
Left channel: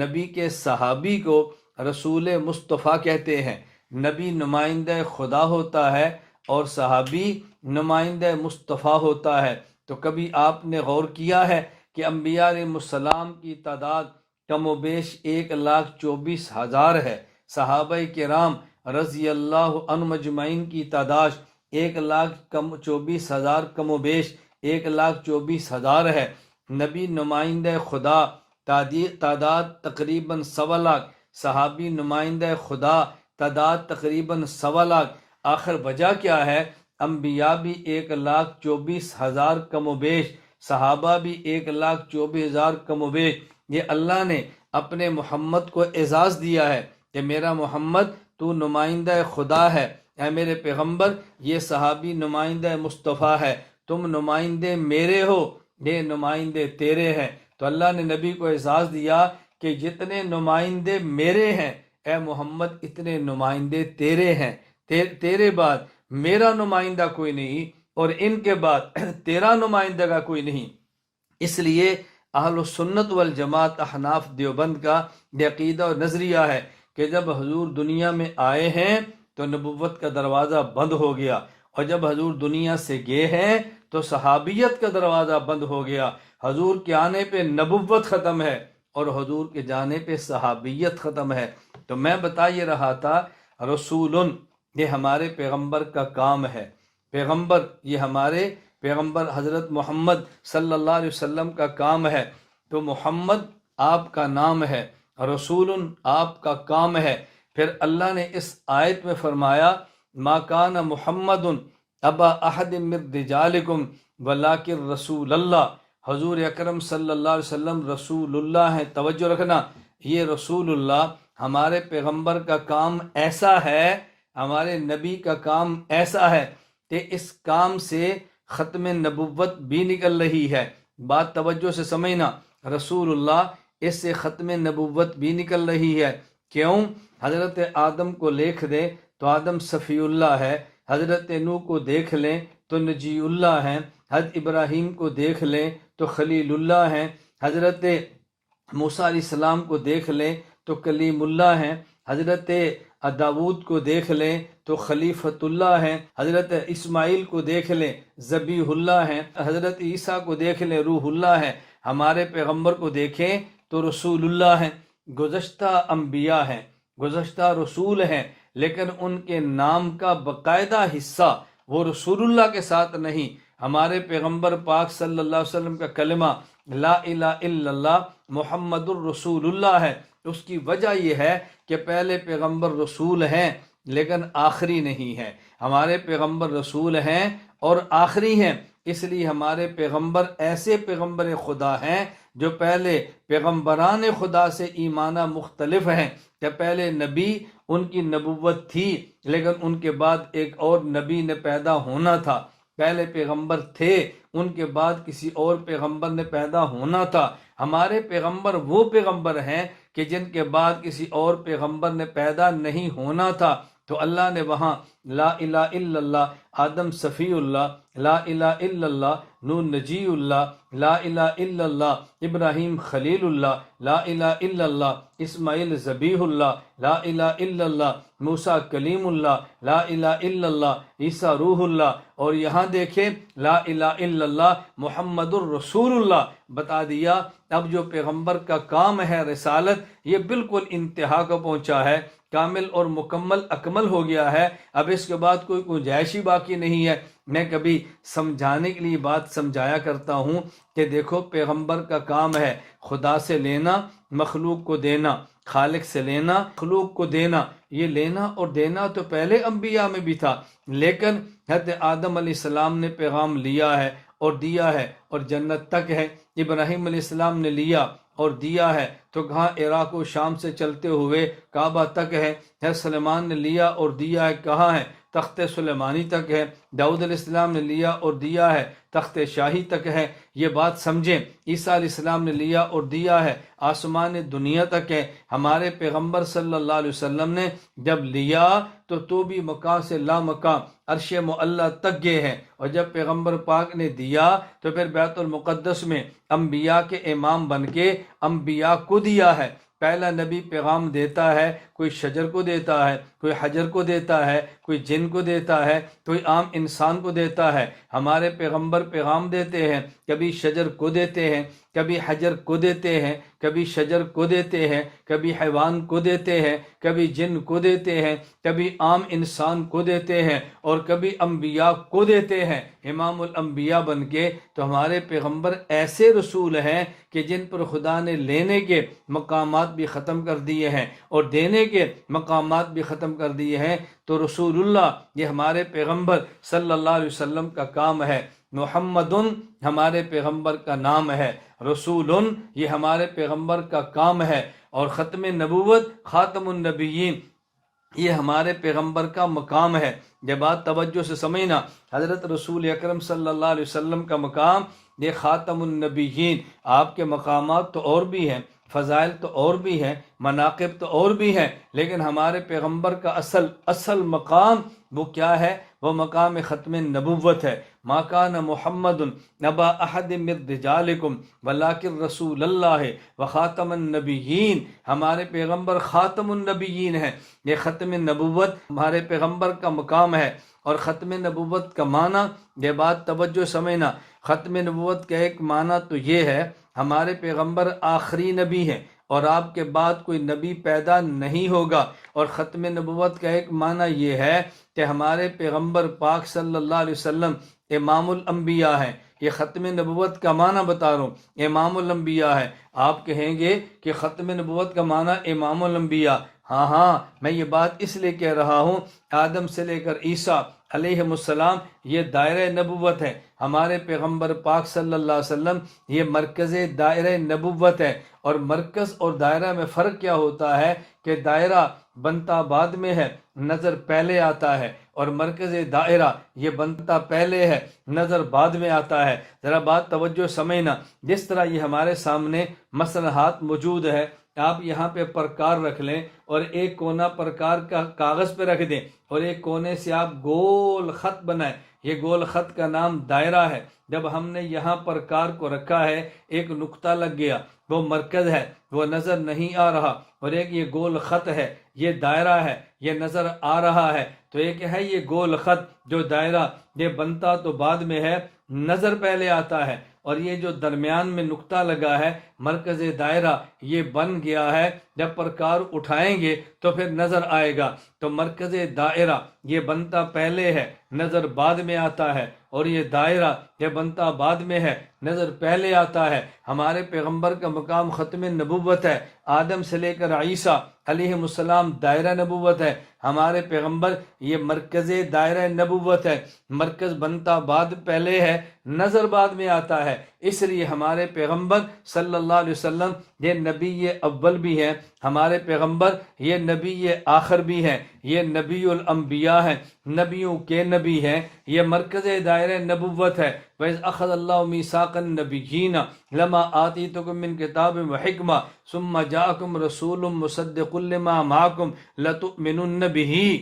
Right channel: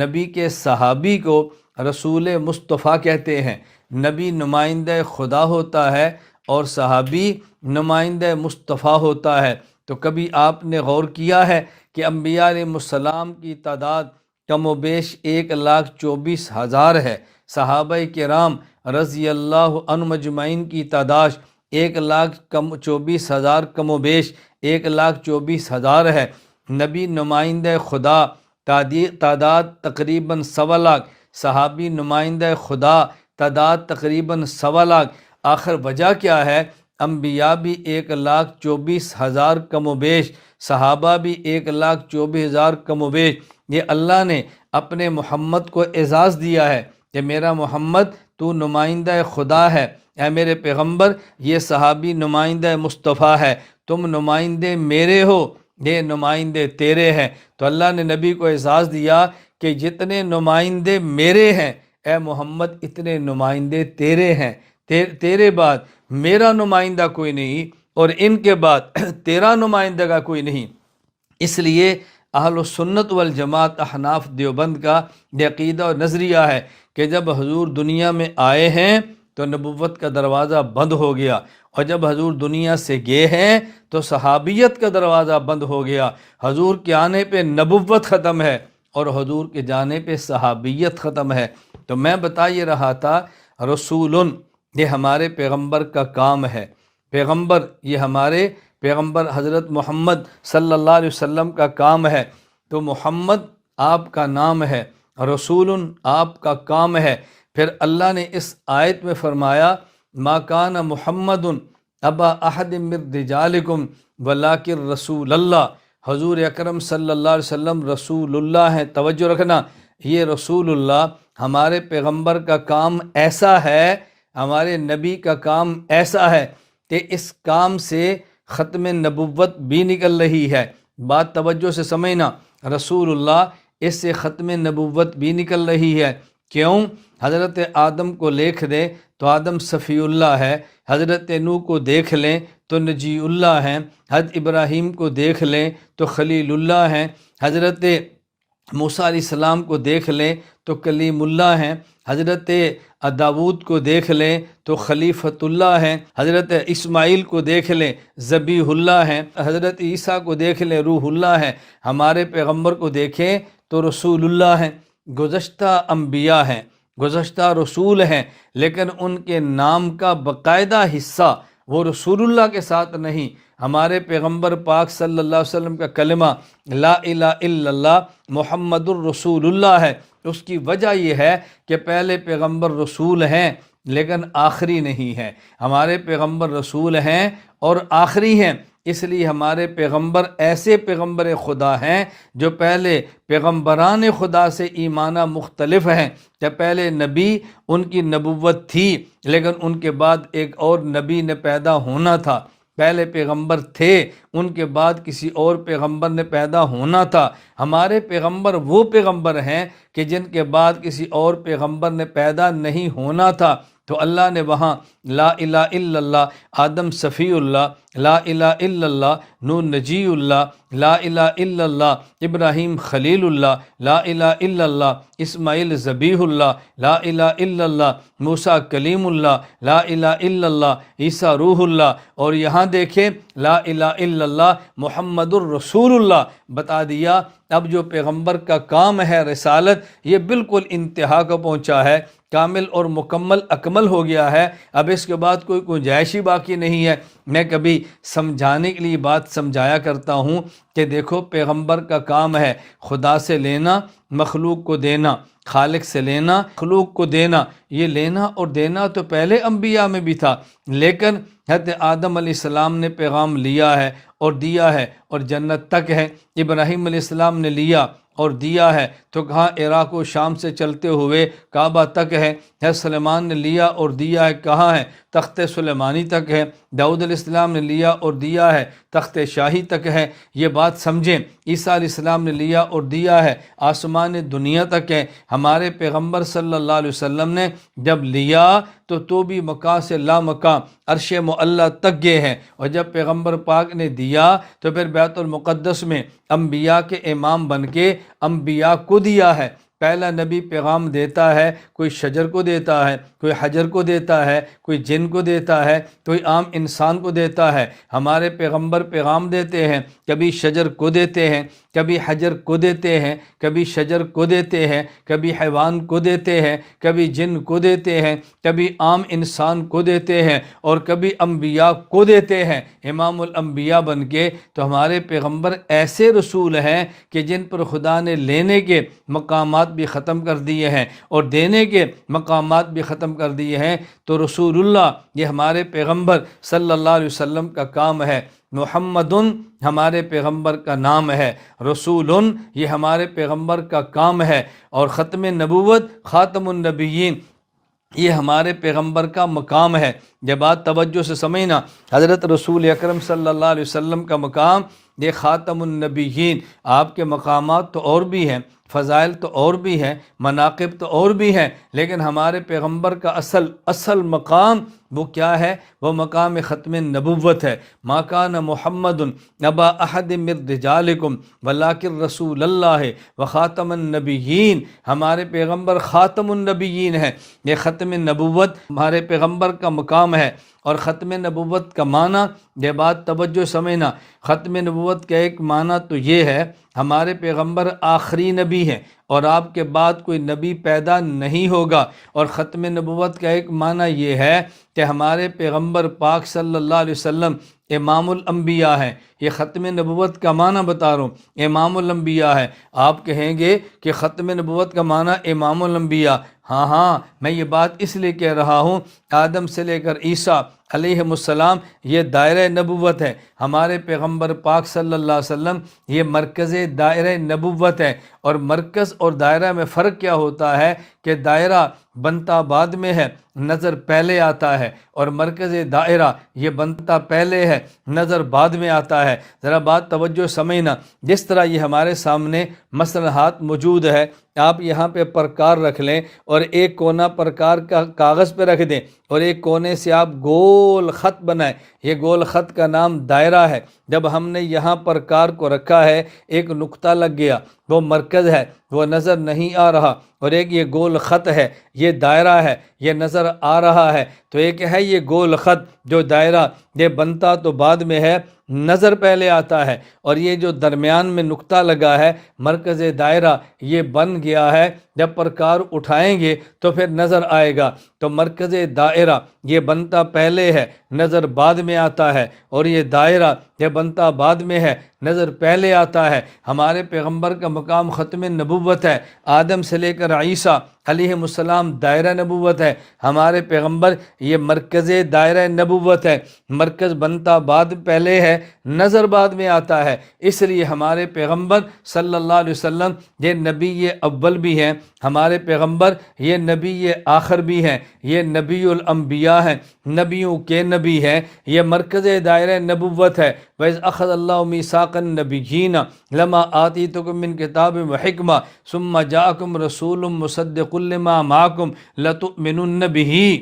نبی کے صحابی کو رسول مصطفیٰ کہتے ہیں۔ نبی نمائندہ خدا ہوتا ہے اور صحابی نمائندہ مصطفیٰ ہوتا ہے۔ تو کبھی آپ نے غور کیا ہے کہ انبیاء علیہ السلام کی تعداد کم و بیش 1,24,000 ہے۔ صحابہ کرام رضی اللہ عنہم مجمعین کی تعداد 1,24,000 کم و بیش 1,24,000 ہے۔ نبی نمائندہ خدا تعداد تقریباً 1,00,000، صحابی نمائندہ خدا تعداد تقریباً 1,00,000۔ آخر وجہ کیا ہے؟ انبیاء بھی 1,24,000 کم و بیش، صحابہ بھی 1,24,000 کم و بیش۔ یہ اللہ نے اپنے محمد کو اعزاز دیا ہے کہ میرا محمد تو نمائندہ خدا ہے، اے میرے پیغمبر یہ صحابی نمائندہ مصطفیٰ ہے، تم نمائندے میرے ہو، یہ نمائندے تیرے ہیں۔ تو اللہ نے نبی کو اعزاز دیا کہ جتنے نمائندے میرے ہیں اے محمد اتنے نمائندے تیرے ہیں، تیرے بعد میرا نمائندہ کوئی نہیں اور ان کے بعد تیرا نمائندہ کا کوئی نہیں۔ اس لیے اہل السنت والجماعت احناف دیوبند کا یہ عقیدہ اور نظریہ ہے کہ جب حضور دنیا میں آئے ہیں تو نبوت کا دروازہ بند ہو گیا، اور جب حضور دنیا سے گئے ہیں تو صحابیت کا دروازہ بند ہو گیا۔ حضور کے آنے پہ نبوت ختم ہے اور حضور کے جانے پہ صحابیت ختم ہے۔ تو میں بتا یہ رہا تھا رسول یہ ہمارے پیغمبر کا کام ہے، پیغمبر یہ ہمارے پیغمبر حضرت محمد صلی اللہ علیہ وسلم کا کام ہے۔ تو محمد آپ کا نام ہے، رسول آپ کا کام ہے۔ پھر اللہ نے اس آیت میں فرمایا ما کان محمد ابا احد من رجالکم ولکن رسول اللہ، حضور اکرم صلی اللہ علیہ وسلم رسول اللہ ہیں۔ توجہ رکھنا، یہ رسول اللہ ہمارے پیغمبر کا کام ایسا ہے، ہمارے نبی کا کام ایسا ہے کہ اس کام سے ختم نبوت بھی نکل رہی ہے۔ بات توجہ سے سمجھنا، رسول اللہ اس سے ختم نبوت بھی نکل رہی ہے۔ کیوں؟ حضرت آدم کو دیکھ دیں تو آدم صفی اللہ ہے، حضرت نوح کو دیکھ لیں تو نجی اللہ ہیں، حضرت ابراہیم کو دیکھ لیں تو خلیل اللہ ہیں، حضرت موسیٰ علیہ السلام کو دیکھ لیں تو کلیم اللہ ہیں، حضرت داود کو دیکھ لیں تو خلیفۃ اللہ ہیں، حضرت اسماعیل کو دیکھ لیں ذبیح اللہ ہیں، حضرت عیسیٰ کو دیکھ لیں روح اللہ ہیں۔ ہمارے پیغمبر کو دیکھیں تو رسول اللہ ہیں، گزشتہ انبیاء ہیں، گزشتہ رسول ہیں، لیکن ان کے نام کا باقاعدہ حصہ وہ رسول اللہ کے ساتھ نہیں۔ ہمارے پیغمبر پاک صلی اللہ علیہ وسلم کا کلمہ لا الہ الا اللہ محمد الرسول اللہ ہے۔ اس کی وجہ یہ ہے کہ پہلے پیغمبر رسول ہیں لیکن آخری نہیں ہیں، ہمارے پیغمبر رسول ہیں اور آخری ہیں۔ اس لیے ہمارے پیغمبر ایسے پیغمبر خدا ہیں جو پہلے پیغمبران خدا سے ایمانہ مختلف ہیں، کہ پہلے نبی ان کی نبوت تھی لیکن ان کے بعد ایک اور نبی نے پیدا ہونا تھا، پہلے پیغمبر تھے ان کے بعد کسی اور پیغمبر نے پیدا ہونا تھا۔ ہمارے پیغمبر وہ پیغمبر ہیں کہ جن کے بعد کسی اور پیغمبر نے پیدا نہیں ہونا تھا۔ تو اللہ نے وہاں لا الہ الا اللہ آدم صفی اللہ، لا الہ الا اللہ نوح نجی اللہ، لا الہ الا اللہ ابراہیم خلیل اللہ، لا الہ الا اللہ اسماعیل ذبیح اللہ، لا الہ الا اللہ موسیٰ کلیم اللہ، لا الہ الا اللہ عیسیٰ روح اللہ، اور یہاں دیکھیں لا الہ الا اللہ محمد الرسول اللہ بتا دیا۔ اب جو پیغمبر کا کام ہے رسالت، یہ بالکل انتہا کو پہنچا ہے، کامل اور مکمل اکمل ہو گیا ہے۔ اب اس کے بعد کوئی گنجائش ہی باقی نہیں ہے۔ میں کبھی سمجھانے کے لیے بات سمجھایا کرتا ہوں کہ دیکھو پیغمبر کا کام ہے خدا سے لینا، مخلوق کو دینا، خالق سے لینا، مخلوق کو دینا۔ یہ لینا اور دینا تو پہلے انبیاء میں بھی تھا، لیکن حضرت آدم علیہ السلام نے پیغام لیا ہے اور دیا ہے اور جنت تک ہے، ابراہیم علیہ السلام نے لیا اور دیا ہے تو کہاں عراق و شام سے چلتے ہوئے کعبہ تک ہے، حضرت سلیمان نے لیا اور دیا ہے کہاں ہے، تخت سلیمانی تک ہے، داؤد علیہ السلام نے لیا اور دیا ہے تخت شاہی تک ہے۔ یہ بات سمجھیں، عیسیٰ علیہ السلام نے لیا اور دیا ہے آسمان دنیا تک ہے۔ ہمارے پیغمبر صلی اللہ علیہ وسلم نے جب لیا تو بھی مکہ سے لا مکہ عرش معلیٰ تک گئے ہیں، اور جب پیغمبر پاک نے دیا تو پھر بیت المقدس میں انبیاء کے امام بن کے انبیاء کو دیا ہے۔ پہلا نبی پیغام دیتا ہے، کوئی شجر کو دیتا ہے، کوئی حجر کو دیتا ہے، کوئی جن کو دیتا ہے، کوئی عام انسان کو دیتا ہے۔ ہمارے پیغمبر پیغام دیتے ہیں، کبھی شجر کو دیتے ہیں، کبھی حجر کو دیتے ہیں، کبھی شجر کو دیتے ہیں، کبھی حیوان کو دیتے ہیں، کبھی جن کو دیتے ہیں، کبھی عام انسان کو دیتے ہیں، اور کبھی انبیاء کو دیتے ہیں امام الانبیاء بن کے۔ تو ہمارے پیغمبر ایسے رسول ہیں کہ جن پر خدا نے لینے کے مقامات بھی ختم کر دیے ہیں اور دینے کے مقامات بھی ختم کر دیے ہیں۔ تو رسول اللہ یہ ہمارے پیغمبر صلی اللہ علیہ وسلم کا کام ہے۔ محمد ہمارے پیغمبر کا نام ہے، رسول یہ ہمارے پیغمبر کا کام ہے، اور ختم نبوت خاتم النبیین یہ ہمارے پیغمبر کا مقام ہے۔ یہ بات توجہ سے سمجھنا، حضرت رسول اکرم صلی اللہ علیہ وسلم کا مقام یہ خاتم النبیین۔ آپ کے مقامات تو اور بھی ہیں، فضائل تو اور بھی ہیں، مناقب تو اور بھی ہیں، لیکن ہمارے پیغمبر کا اصل مقام وہ کیا ہے؟ وہ مقام ختم نبوت ہے۔ ما کان محمد ابا احد من رجالکم ولکن رسول اللہ وخاتم النبیین۔ ہمارے پیغمبر خاتم النبیین ہے۔ یہ ختم نبوت ہمارے پیغمبر کا مقام ہے۔ اور ختم نبوت کا معنی، یہ بات توجہ سمجھنا، ختم نبوت کا ایک معنی تو یہ ہے ہمارے پیغمبر آخری نبی ہیں اور آپ کے بعد کوئی نبی پیدا نہیں ہوگا۔ اور ختم نبوت کا ایک معنی یہ ہے کہ ہمارے پیغمبر پاک صلی اللہ علیہ وسلم امام الانبیاء ہیں۔ یہ ختم نبوت کا معنی بتا رہا ہوں، امام الانبیاء ہے۔ آپ کہیں گے کہ ختم نبوت کا معنی امام الانبیاء، ہاں میں یہ بات اس لیے کہہ رہا ہوں، آدم سے لے کر عیسیٰ علیہ السلام یہ دائرہ نبوت ہے۔ ہمارے پیغمبر پاک صلی اللہ علیہ وسلم یہ مرکز دائرہ نبوت ہے۔ اور مرکز اور دائرہ میں فرق کیا ہوتا ہے کہ دائرہ بنتا بعد میں ہے، نظر پہلے آتا ہے، اور مرکز دائرہ یہ بنتا پہلے ہے، نظر بعد میں آتا ہے۔ ذرا بات توجہ سمجھنا، جس طرح یہ ہمارے سامنے مثلا ہاتھ موجود ہے، آپ یہاں پہ پرکار رکھ لیں اور ایک کونا پرکار کا کاغذ پہ رکھ دیں اور ایک کونے سے آپ گول خط بنائیں، یہ گول خط کا نام دائرہ ہے۔ جب ہم نے یہاں پرکار کو رکھا ہے، ایک نقطہ لگ گیا، وہ مرکز ہے، وہ نظر نہیں آ رہا، اور ایک یہ گول خط ہے، یہ دائرہ ہے، یہ نظر آ رہا ہے۔ تو ایک ہے یہ گول خط جو دائرہ، یہ بنتا تو بعد میں ہے، نظر پہلے آتا ہے، اور یہ جو درمیان میں نقطہ لگا ہے مرکز دائرہ، یہ بن گیا ہے۔ جب پرکار اٹھائیں گے تو پھر نظر آئے گا۔ تو مرکز دائرہ یہ بنتا پہلے ہے، نظر بعد میں آتا ہے، اور یہ دائرہ یہ بنتا بعد میں ہے، نظر پہلے آتا ہے۔ ہمارے پیغمبر کا مقام ختم نبوت ہے۔ آدم سے لے کر عیسیٰ علیہ السلام دائرہ نبوت ہے، ہمارے پیغمبر یہ مرکز دائرہ نبوت ہے۔ مرکز بنتا بعد پہلے ہے، نظر بعد میں آتا ہے، اس لیے ہمارے پیغمبر صلی اللہ علیہ وسلم یہ نبی اول بھی ہیں، ہمارے پیغمبر یہ نبی آخر بھی ہیں، یہ نبی الانبیاء ہیں، نبیوں کے نبی ہیں۔ یہ مرکز دائرہ نبوت ہے۔ وَإِذْ أَخَذَ اللَّهُ مِيثَاقَ النَّبِيِّينَ لَمَا آتَيْتُكُم مِّن كِتَابٍ وَحِكْمَةٍ ثُمَّ جَاءَكُمْ رَسُولٌ مُّصَدِّقٌ لِّمَا مَعَكُمْ لَتُؤْمِنُنَّ بِهِ۔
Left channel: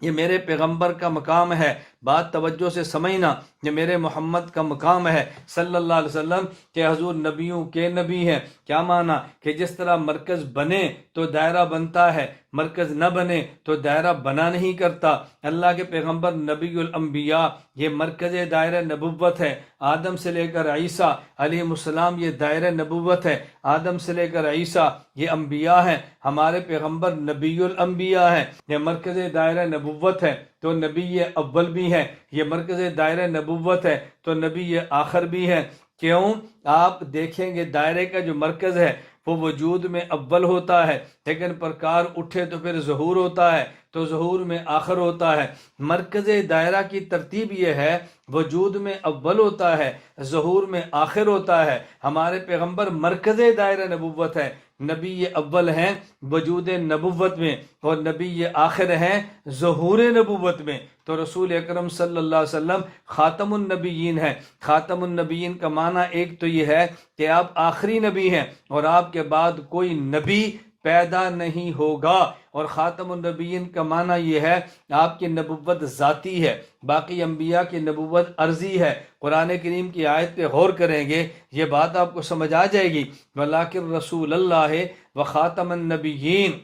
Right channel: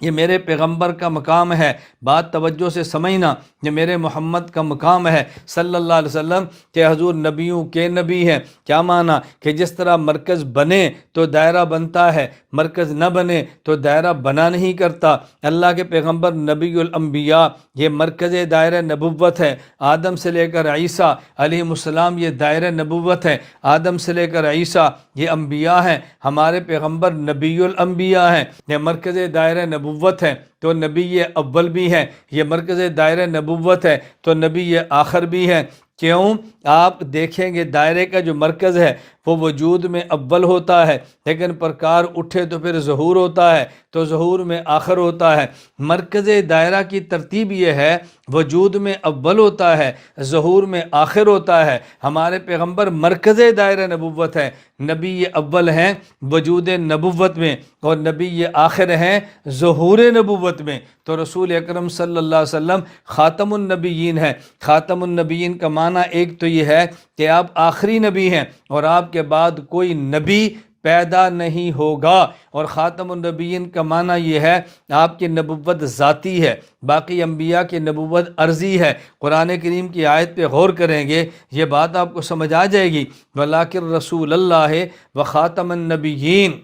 یہ میرے پیغمبر کا مقام ہے، بات توجہ سے سمجھنا، یہ میرے محمد کا مقام ہے صلی اللہ علیہ وسلم کہ حضور نبیوں کے نبی ہیں۔ کیا معنی؟ کہ جس طرح مرکز بنے تو دائرہ بنتا ہے، مرکز نہ بنے تو دائرہ بنا نہیں کرتا۔ اللہ کے پیغمبر نبی الانبیاء یہ مرکز دائرہ نبوت ہے۔ آدم سے لے کر عیسیٰ علیہ السلام یہ دائرہ نبوت ہے۔ آدم سے لے کر عیسیٰ یہ انبیاء ہیں، ہمارے پیغمبر نبی الانبیاء ہیں، یہ مرکز دائرہ نبوت ہے۔ تو نبی اول بھی ہے، یہ مرکز دائرہ نبوت ہے، تو نبی آخر بھی ہے۔ کیوں؟ آپ دیکھیں گے دائرے کا جو مرکز ہے وہ وجود میں اول ہوتا ہے، لیکن پرکار اٹھے تو پھر ظہور ہوتا ہے، تو ظہور میں آخر ہوتا ہے۔ مرکز دائرہ کی ترتیب یہ ہے، وجود میں اول ہوتا ہے، ظہور میں آخر ہوتا ہے۔ ہمارے پیغمبر مرکز دائرہ نبوت ہے، نبی اول ہیں وجود نبوت میں، اور نبی آخر ہیں ظہور نبوت میں۔ تو رسول اکرم صلی اللہ علیہ وسلم خاتم النبیین ہیں۔ خاتم النبیین کا معنی ایک تو یہ ہے کہ آپ آخری نبی ہیں اور آپ کے بعد کوئی نبی پیدا نہیں ہوگا، اور خاتم النبیین کا معنی یہ ہے آپ کی نبوت ذاتی ہے، باقی انبیاء کی نبوت عرضی ہے۔ قرآن کریم کی آیت پہ غور کریں گے یہ بات آپ کو سمجھ آ جائے گی۔ وَلَٰكِن رسول اللہ وخاتم النبیین،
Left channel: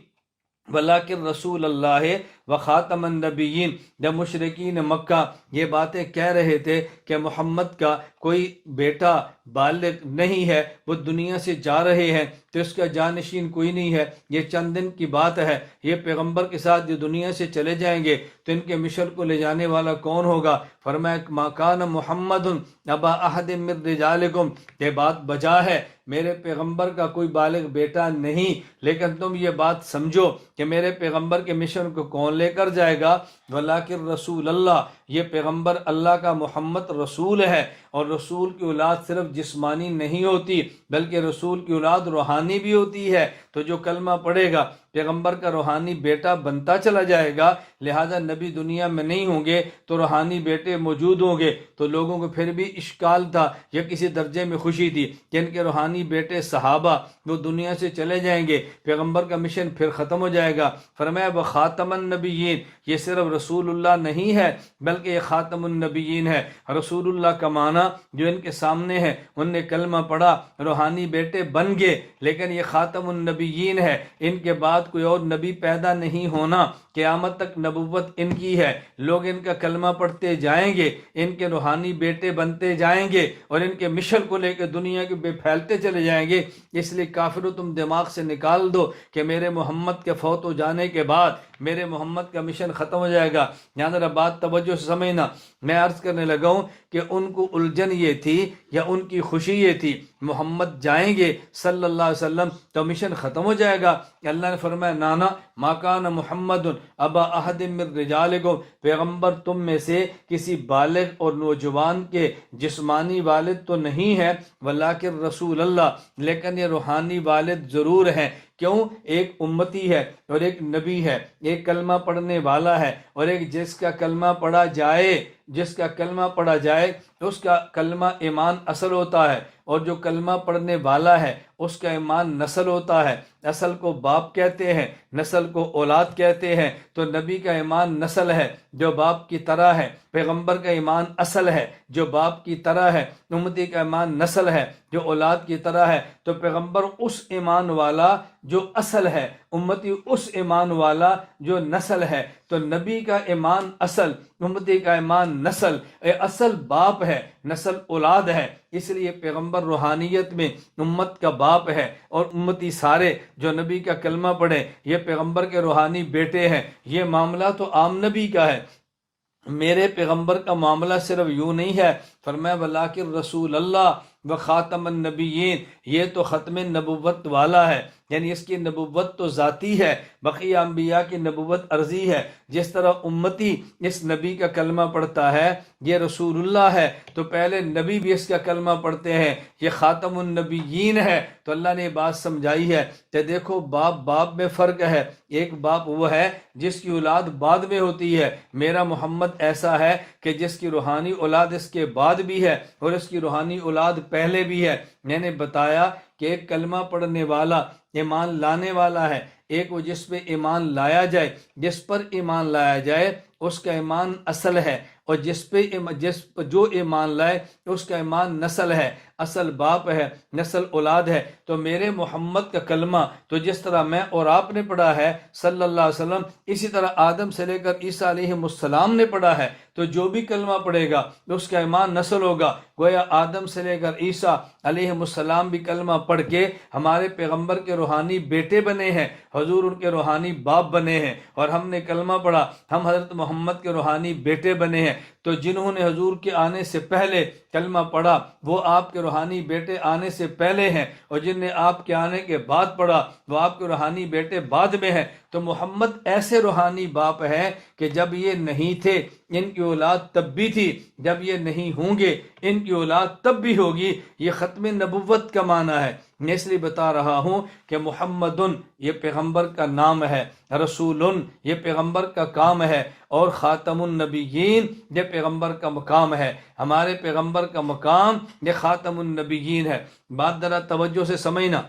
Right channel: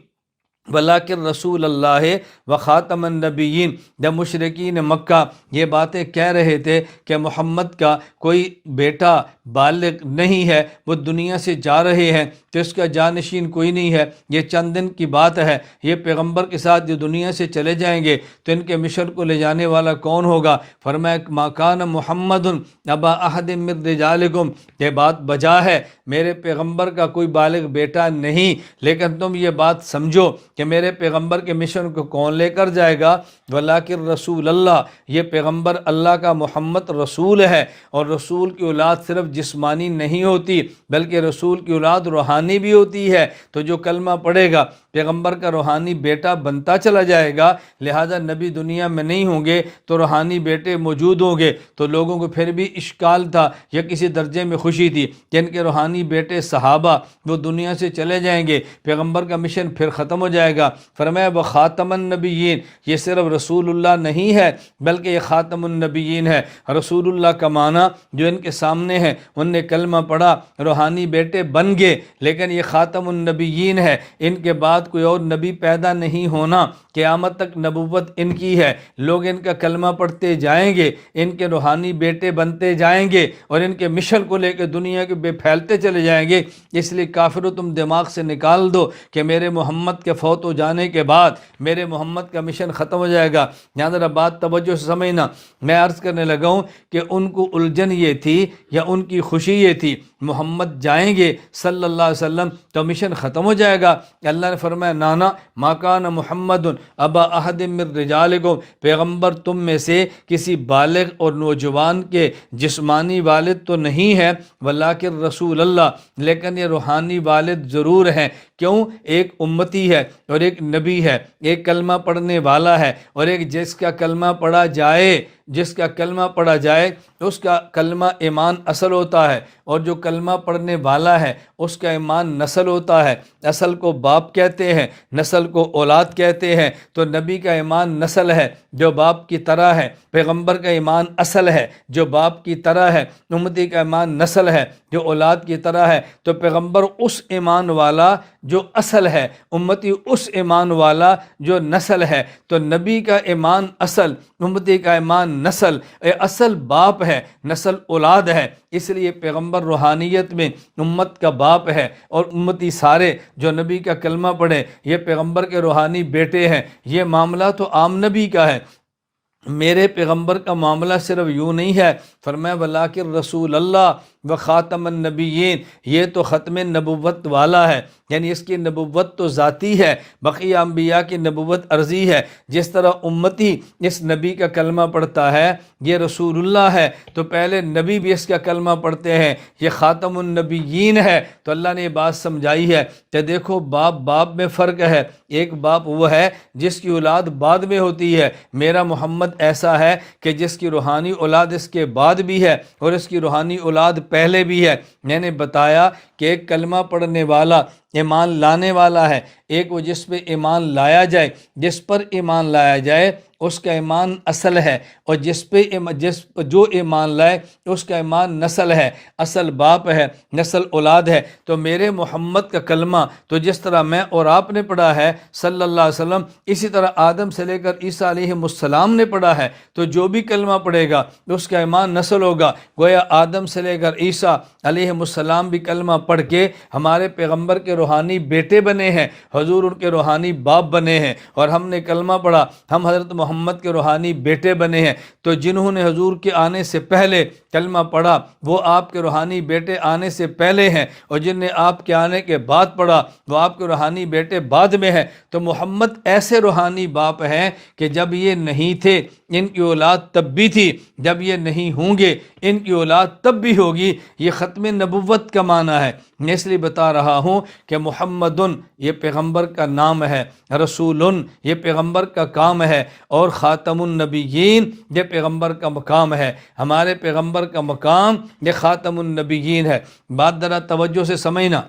ولیکن رسول اللہ و خاتم النبیین، جب مشرکین مکہ یہ باتیں کہہ رہے تھے کہ محمد کا کوئی بیٹا بالغ نہیں ہے، وہ دنیا سے جا رہے ہیں تو اس کا جانشین کوئی نہیں ہے، یہ چند دن کی بات ہے، یہ پیغمبر کے ساتھ جو دنیا سے چلے جائیں گے تو ان کے مشن کو لے جانے والا کون ہوگا؟ فرمایا ما کان محمد ابا احد من رجالکم، یہ بات بجا ہے، میرے پیغمبر کا کوئی بالغ بیٹا نہیں، لیکن تم یہ بات سمجھو کہ میرے پیغمبر کے مشن کو کون لے کر جائے گا؟ ولیکن رسول اللہ، یہ پیغمبر اللہ کا محمد رسول ہے، اور رسول کی اولاد صرف جسمانی نہیں ہوتی بلکہ رسول کی اولاد روحانی بھی ہوتی ہے، تو جو کلمہ پڑھے گا پیغمبر کا روحانی بیٹا بنتا چلا جائے گا، لہذا نبی دنیا میں نہیں ہوں گے تو روحانی بیٹے موجود ہوں گے، تو لوگوں کو پھر بھی اشکال تھا یا کسی درجے میں خوشی تھی کہ ان کے روحانی بیٹے صحابہ وہ دنیا سے چلے جائیں گے، پیغمبر کا مشن پھر ختم ہو جائے گا۔ فرمایا وہ خاتم النبیین، یہ صرف رسول اللہ نہیں ہے بلکہ یہ خاتم النبیین ہے۔ رسول اللہ کا معنی جو ان کے سامنے ہے، ان نے کلمہ پڑھا، روحانی بیٹے بن گئے، لیکن یہ خاتم النبیین ہے، ان کے بعد کوئی اور نبی پیدا نہیں ہونا، قیامت تک نبوت ان کی ہے، لوگ ان کا کلمہ پڑھتے جائیں گے، ان کے روحانی بیٹے بنتے جائیں گے اور ان کے مشن کو لے کے دنیا کے بے پھیلتے چلے جائیں گے۔ اس لیے کافروں تم دماغ سے نکال دو کہ میرے محمد کے فوت ہو جانے کے بعد میرے محمد کا مشن ختم ہو جائے گا۔ یہاں ذرا بات توجہ سے سمجھنا، میں عرض کرنے لگا ہوں کہ ان کو الجھن یہ تھی یا ان کی خوشی یہ تھی محمد جائیں گے صلی اللہ علیہ وسلم تو مشن ختم ہو جائے گا۔ اللہ نے فرمایا نانا ما کان محمد ابا احد من رجالکم، پیغمبر تم میں سے کسی بالغ اور نوجوان کے جسمانی والد تو نہیں ہے، ولیکن رسول اللہ، لیکن یہ روحانی والد ضرور ہیں۔ کیوں؟ ایک امتی ہے اور ایک نبی ہے، ایک کلمہ پڑھنے والا ہے اور ایک جس کا کلمہ پڑھا جائے، جس کا کلمہ پڑھا جائے اس کا کلمہ ایمان اصل ہوتا ہے، اور جو کلمہ پڑھنے والا ہے اس کا ایمان نسل ہوتا ہے۔ اصل کو باپ کہتے ہیں، نسل کو اولاد کہتے ہیں، تو نبی کا ایمان نسل ہے جو باپ کی طرح ہے، پیغمبر کا ایمان اصل ہے جو باپ کی طرح ہے، امتی کا ایمان نسل ہے جو اولاد کی طرح ہے۔ تو پیغمبر اس ایمان والا جو اصل ہے، امتی اس ایمان والا جو نسل ہے، تو نبی کا ایمان اصل، امتی کا ایمان نسل، اصل باپ ہے، نسل اولاد ہے، اس لیے پیغمبر روحانیت میں امت کا باپ ہے، اور امتی سارے جو نبی کا کلمہ پڑھے یہ پیغمبر کے روحانی بیٹے ہیں۔ یہ معاملہ تو عام نبی کا ہے، میرے پیغمبر کا معاملہ صرف یوں نہیں ہے۔ فرمایا ولیکن رسول اللہ و خاتم النبیین، یہ تو ختم نبوت والا ہے، یعنی اس کی نبوت تو ذاتی ہے، بقیہ انبیاء کی نبوت عرضی ہے۔ جس طرح امتی اس نبی کا کلمہ پڑھتا ہے یہ رسول اللہ ہے، تو پہلے نبی بھی اس کا کلمہ پڑھتے ہیں، یہ خاتم النبیین ہے۔ تو اللہ نے یہ بات سمجھائی ہے کہ دیکھو باپ میں فرق ہے، ایک باپ وہ ہے جس کی اولاد بعد میں ہوتی ہے، میرا محمد ایسا ہے کہ جس کی روحانی اولاد اس کے بعد بھی ہے اور اس کی روحانی اولاد پہلے بھی ہے۔ میں نے بتایا کہ ایک کلمہ پڑھنے والا ایمان لانے والا ہے، ایک وہ جس پہ ایمان لایا جائے، جس پر ایمان لایا جائے اس کا ایمان اصل ہے، اور جو ایمان لائے اس کا ایمان نسل ہے، اصل باپ ہے، نسل اولاد ہے۔ تو میرے محمد کا کلمہ تو جس طرح میں اور آپ نے پڑھا ہے صلی اللہ علیہ وسلم، اسی طرح آدم سے لے کر عیسیٰ علیہ السلام نے پڑھا ہے، تو جو بھی کلمہ پڑھے گا اس کا ایمان نسل ہوگا۔ گویا آدم سے لے کر عیسیٰ علیہ السلام بھی کلمہ پڑھ کے ہمارے پیغمبر کے روحانی بیٹے بنے ہیں، حضور ان کے روحانی باپ بنے ہیں، اور ہم نے کلمہ پڑھا، ہم حضرت محمد کے روحانی بیٹے بنے ہیں۔ تو جنہوں نے حضور کے آنے سے پہلے کلمہ پڑھا وہ آپ کے روحانی بیٹے آنے سے پہلے ہیں، اور جن نے آپ کے آنے کے بعد پڑھا وہ آپ کے روحانی بیٹے بعد میں ہیں۔ تو محمد ایسے روحانی باپ ہیں کہ جب یہ نہیں تھے ان کی اولاد تب بھی تھی، جب یہ نہیں ہوں گے ان کی اولاد تب بھی ہوگی۔ یہ ختم نبوت کا معنی ہے۔ میں اس لیے بتا رہا ہوں کہ محمدن یہ پیغمبر کا نام ہے، رسولن یہ پیغمبر کا کام ہے، اور خاتم النبیین یہ پیغمبر کا مقام ہے۔ ہمارے پیغمبر کا مقام یہ خاتم النبیین ہے۔ بات ذرا توجہ سے سمجھنا،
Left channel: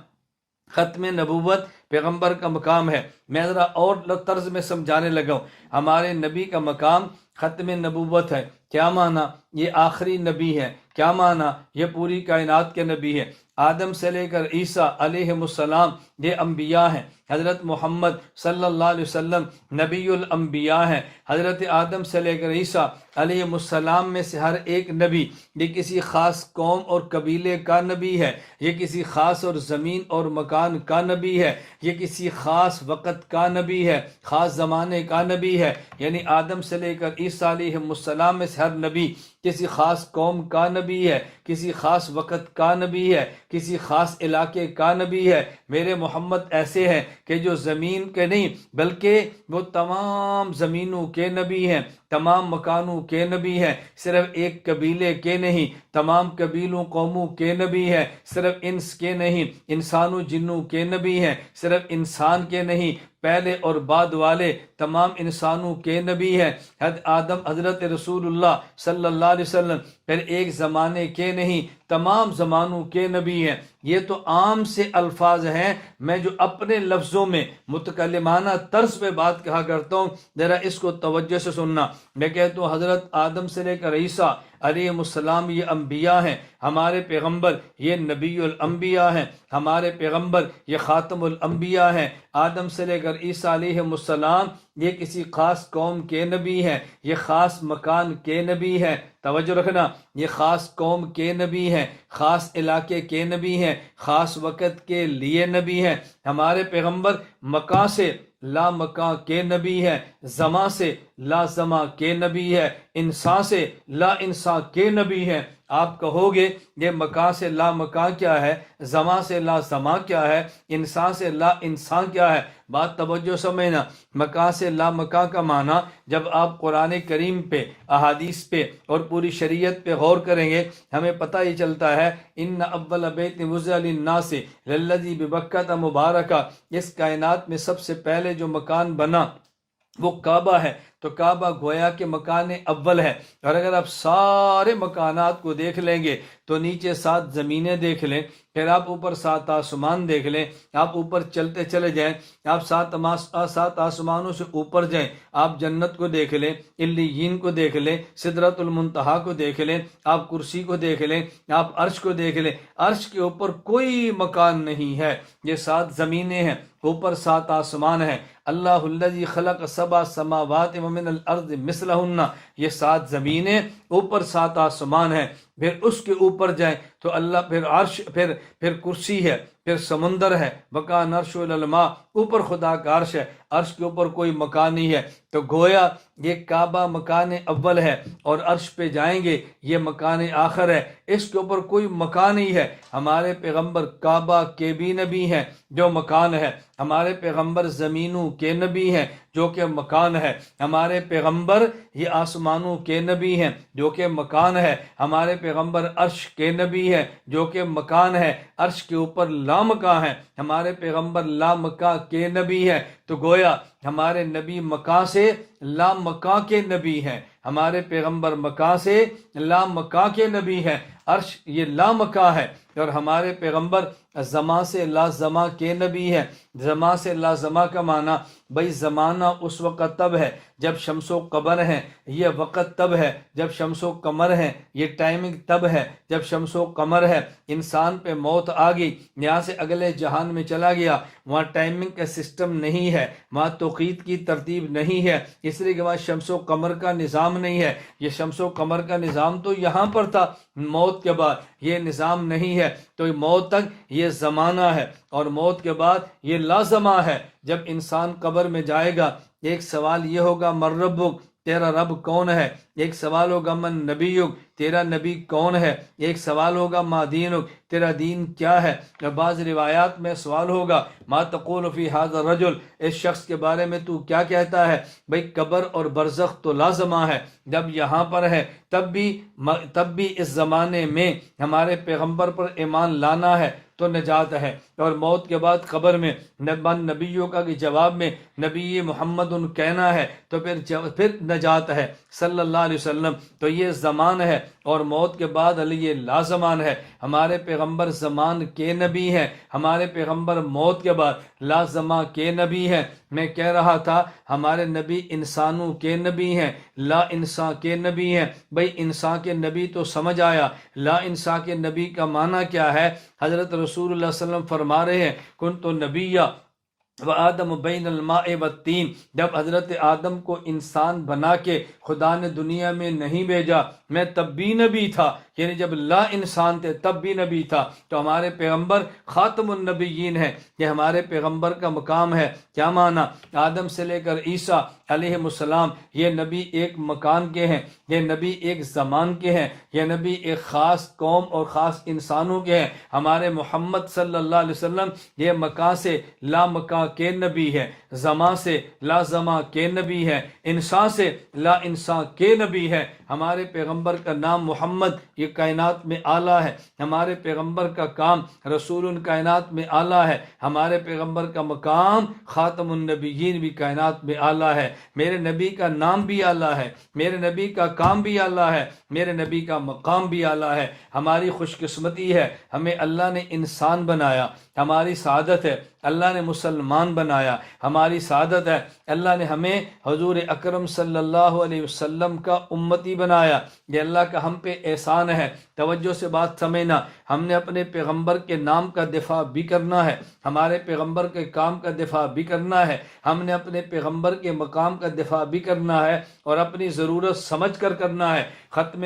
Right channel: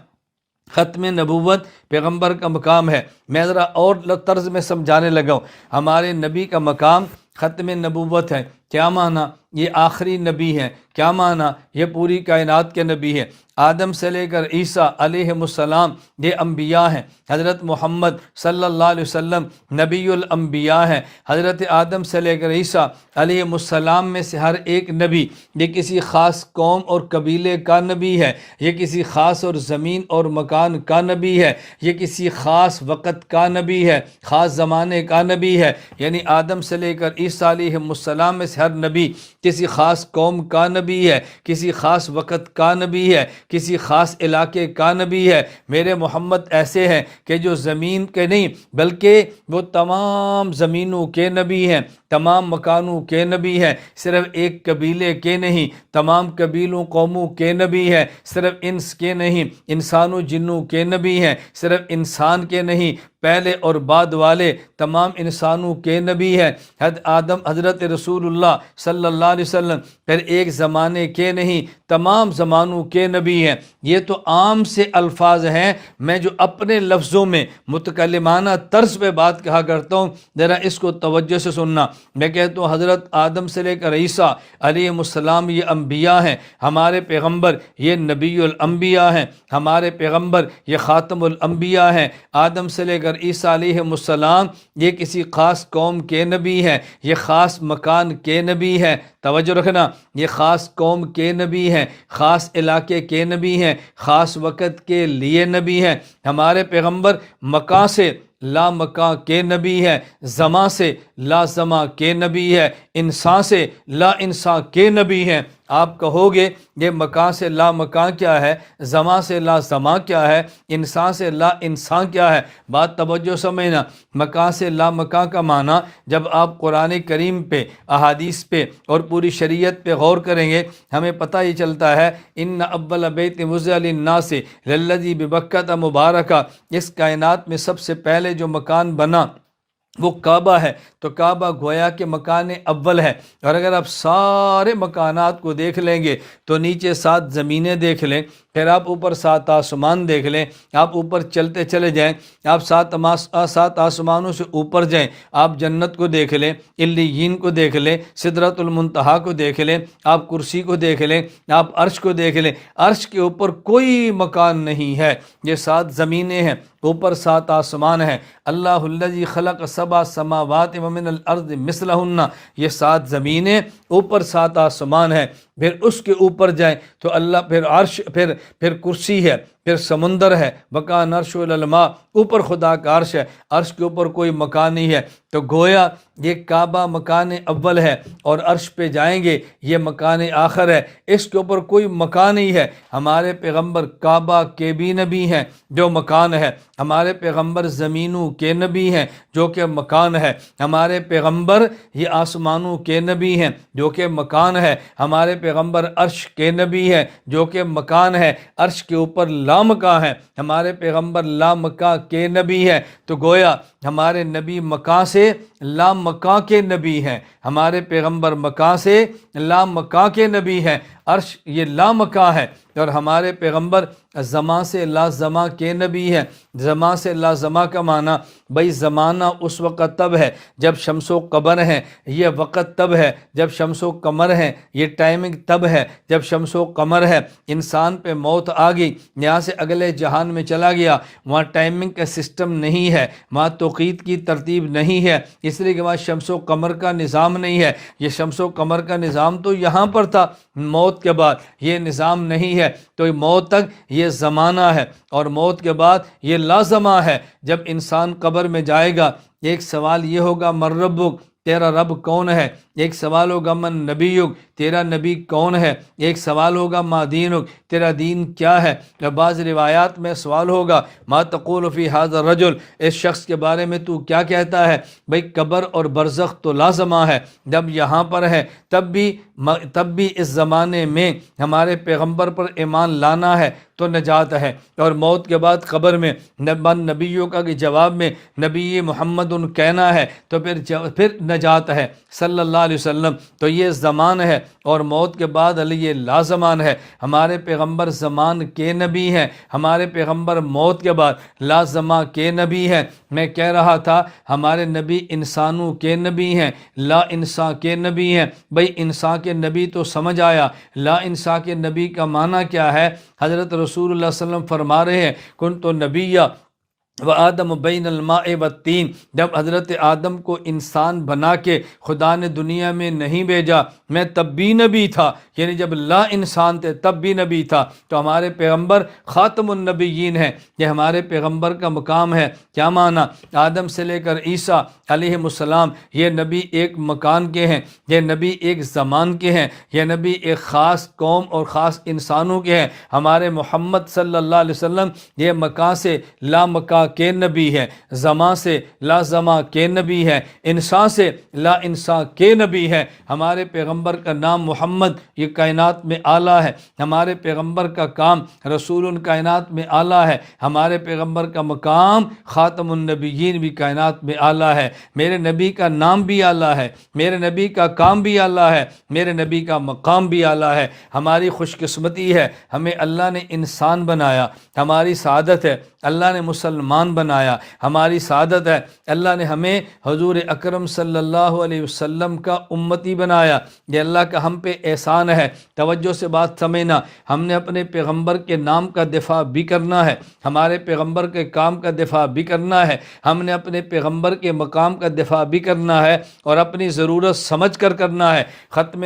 ختم نبوت پیغمبر کا مقام ہے۔ میں ذرا اور طرز میں سمجھانے لگا ہوں، ہمارے نبی کا مقام ختم نبوت ہے۔ کیا معنی؟ یہ آخری نبی ہے۔ کیا معنی؟ یہ پوری کائنات کے نبی ہے۔ آدم سے لے کر عیسیٰ علیہ السلام یہ انبیاء ہیں، حضرت محمد صلی اللہ علیہ وسلم نبی الانبیاء ہیں، حضرت آدم سے لے کر عیسیٰ علیہ السلام میں سے ہر ایک نبی یہ کسی خاص قوم اور قبیلے کا نبی ہے، یہ کسی خاص اور زمین اور مکان کا نبی ہے، یہ کسی خاص وقت کا نبی ہے، خاص زمانے کا نبی ہے۔ یعنی آدم سے لے کر عیسیٰ علیہ السلام میں سے ہر نبی کسی خاص قوم کا نبی ہے، کسی خاص وقت کا نبی ہے، کسی خاص علاقے کا نبی ہے۔ میرے محمد ایسے ہیں کہ جو زمین کے نہیں بلکہ وہ تمام زمینوں کے نبی ہیں، تمام مکانوں کے نبی ہیں، صرف ایک قبیلے کے نہیں، تمام قبیلوں قوموں کے نبی ہیں، صرف انس کے نہیں، انسانوں جنوں کے نبی ہیں، صرف انسان کے نہیں، پہلے اور بعد والے تمام انسانوں کے نبی ہیں۔ حضرت رسول اللہ صلی اللہ علیہ وسلم پھر ایک زمانے کے نہیں، تمام زمانوں کے نبی ہیں۔ یہ تو عام سے الفاظ ہیں، میں جو اپنے لفظوں میں متکلمانہ طرز پہ بات کہا کرتا ہوں، ذرا اس کو توجہ سے سننا۔ میں کہتا ہوں حضرت آدم سے لے کر عیسیٰ علیہ السلام یہ انبیاء ہیں، ہمارے پیغمبر یہ نبی الانبیاء ہیں، ہمارے پیغمبر یہ خاتم الانبیاء ہیں۔ آدم سے لے کر عیسیٰ علیہ السلام یہ کسی خاص قوم کے نبی ہیں، یہ خاص مکان کے نبی ہیں، توجہ رکھنا، یہ خاص قوم کے نبی ہیں، خاص علاقے کے نبی ہیں، خاص وقت کے لیے نبی ہیں۔ ہمارے پیغمبر مکان سے لا مکان کے نبی ہے، زمان سے لا زمان کے نبی ہے، انسان سے لا انسان کے نبی ہے۔ آپ کہو گے یہ مکان سے لا مکان کیا ہے، زمان سے لا زمان کیا ہے، انسان سے لا انسان کیا ہے؟ بات توجہ سمجھنا۔ مکان سے لا مکان کا معنی جب آپ قرآن کریم پہ، احادیث پہ اور پوری شریعت پہ غور کریں گے ہمیں پتہ یہ چلتا ہے ان اول بیت وضع للناس للذی ببکۃ مبارکہ، اس کائنات میں سب سے پہلے جو مکان بنا وہ کعبہ ہے، تو کعبہ گویا کہ مکان اول ہے۔ اور اگر آپ سارے مکانات کو دیکھ لیں گے تو نیچے 7 زمینیں دیکھ لیں، پھر آپ اوپر 7 آسمان دیکھ لیں، آپ اوپر چلتے چلے جائیں، آپ 7 آسمانوں سے اوپر جائیں، آپ جنت کو دیکھ لیں، علیین کو دیکھ لیں، سدرۃ المنتہا کو دیکھ لیں، آپ کرسی کو دیکھ لیں، آپ عرش کو دیکھ لیں، عرش کے اوپر کوئی مکان نہیں ہے، یہ 7 زمینیں ہیں، اوپر 7 آسمان ہیں۔ اللہ الذی خلق 7 سماوات ومن الارض مثلہن، یہ 7 زمینیں، اوپر 7 آسمان ہیں۔ پھر اس کے اوپر جائیں تو اللہ، پھر عرش، پھر کرسی ہے، پھر سمندر ہے، وکان عرش الماء، اوپر خدا کا عرش ہے، عرش کے اوپر کوئی مکان نہیں ہے۔ تو گویا یہ کعبہ مکان اول ہے، اور عرش پہ جائیں گے یہ مکان آخر ہے، اس کے اوپر کوئی مکان نہیں ہے۔ ہمارے پیغمبر کعبہ کے بھی نبی ہیں جو مکان ہے، ہمارے پیغمبر زمینوں کے نبی ہیں جو کہ مکان ہے، ہمارے پیغمبر یہ آسمانوں کے نبی ہیں جو کہ مکان ہے، ہمارے پیغمبر عرش کے نبی ہیں جو کہ مکان ہے، عرش کے اوپر لامکاں ہیں، ہمارے پیغمبر لامکاں کے نبی ہیں۔ تو گویا ہمارے نبی مکان سے لامکاں کے نبی ہیں، ہمارے پیغمبر مکان سے لامکاں کے نبی ہیں، عرش یہ لامکاں ہے، اور ہمارے پیغمبر زمان سے لا زمان کے نبی ہیں۔ زمان سے لا زمان کا معنی بھائی زمانہ اس وقت تب ہے جب شمس و قمر ہیں، یہ وقت تب ہے جب شمس و قمر ہیں، یہ ٹائمنگ تب ہے جب شمس و قمر ہے۔ انسان پہ موت آ گئی، یہاں سے اگلے جہان میں چلا گیا، وہاں ٹائمنگ کا سسٹم نہیں ہے، وہاں توقیت کی ترتیب نہیں ہے، اس لیے کہ وہاں شمس و قمر کا نظام نہیں ہے۔ یہ شمس و قمر کا نظام تو یہاں پر تھا، موت کے بعد یہ نظام نہیں ہے، تو موت تک یہ زمانہ ہے، اور موت کے بعد یہ لازمہ ہے۔ جب انسان قبر میں جائے گا ایک سوال یہ ہوگا من ربک، تیرا رب کون ہے؟ ایک سوال ہوگا من نبیک، تیرا نبی کون ہے؟ ایک سوال ہوگا ما دینک، تیرا دین کیا ہے؟ یا بعض روایات میں سوال ہوگا ما تقول فی ھذا الرجل، اس شخص کے بارے میں تو کیا کہتا ہے؟ بھئی قبر اور برزخ تو لازمہ ہے، جب یہاں پر ہے تب بھی اس زمانے میں ہمارے پیغمبر پر ایمان لانا ہے تو نجات ہے، اور موت کے بعد قبر میں نبیوں کا جواب میں نبی محمد کہنا ہے تو پھر نجات ہے۔ صلی اللہ علیہ وسلم، تو یہ زمان ہے اور موت کے بعد علی لا زمان ہے۔ ہمارے پیغمبر زمان کے نبی ہیں، ہمارے پیغمبر موت کے بعد لا زمان کے نبی ہیں۔ میں کہہ رہا تھا ہمارے نبی انسانوں کے نبی ہیں، لا انسان کے نبی ہیں۔ بھئی انسان کے نبی تو سمجھ آیا، لا انسان کے نبی کا معنی کیا ہے؟ حضرت رسول اللہ صلی اللہ علیہ وسلم فرما رہے ہیں کنت نبیّ وآدم بین الماء والطین، جب حضرت آدم کو انسان بنا کے خدا نے دنیا میں نہیں بھیجا میں تب بھی نبی تھا، یعنی جب لا انسان تھے تب بھی نبی تھا۔ تو ہمارے پیغمبر خاتم النبیین ہیں، یہ ہمارے پیغمبر کا مقام ہے۔ کیا معنی؟ آدم سے لے کر عیسیٰ علیہ السلام، یہ نبی ایک مکان کے ہیں، یہ نبی ایک زمان کے ہیں، یہ نبی ایک خاص قوم اور خاص انسانوں کے ہیں۔ ہمارے محمد صلی اللہ علیہ وسلم یہ مکان سے لا مکان کے نبی ہے، زمان سے لا زمان کے نبی ہے، انسان سے لا انسان کے نبی ہے۔ ہمارے پیغمبر کا نام محمد، یہ کائنات میں اعلیٰ ہے۔ ہمارے پیغمبر کا کام رسول کائنات میں اعلیٰ ہے۔ ہمارے پیغمبر کا مقام خاتم النبیین بھی کائنات میں اعلیٰ ہے۔ میرے نبی کا نام بھی اعلیٰ ہے، میرے نبی کا کام بھی اعلیٰ ہے، میرے نبی کا مقام بھی اعلیٰ ہے۔ ہماری خوش قسمتی ہے ہمیں اللہ نے انسان بنایا، ہماری سعادت ہے اللہ نے مسلمان بنایا، ہماری سعادت ہے اللہ نے ہمیں حضور اکرم صلی اللہ علیہ وسلم کا امتی بنایا۔ یہ اللہ کا ہم پہ احسان ہے۔ توجہ سے بات سمجھنا، ہم نے اپنے پیغمبر کے نام کا دفاع بھی کرنا ہے، ہمارے پیغمبر کے کام کا دفاع بھی کرنا ہے، ہم نے اپنے پیغمبر کے مقام کا دفاع بھی کرنا ہے اور اپنی ضرورت سمجھ کر کرنا ہے۔ ختم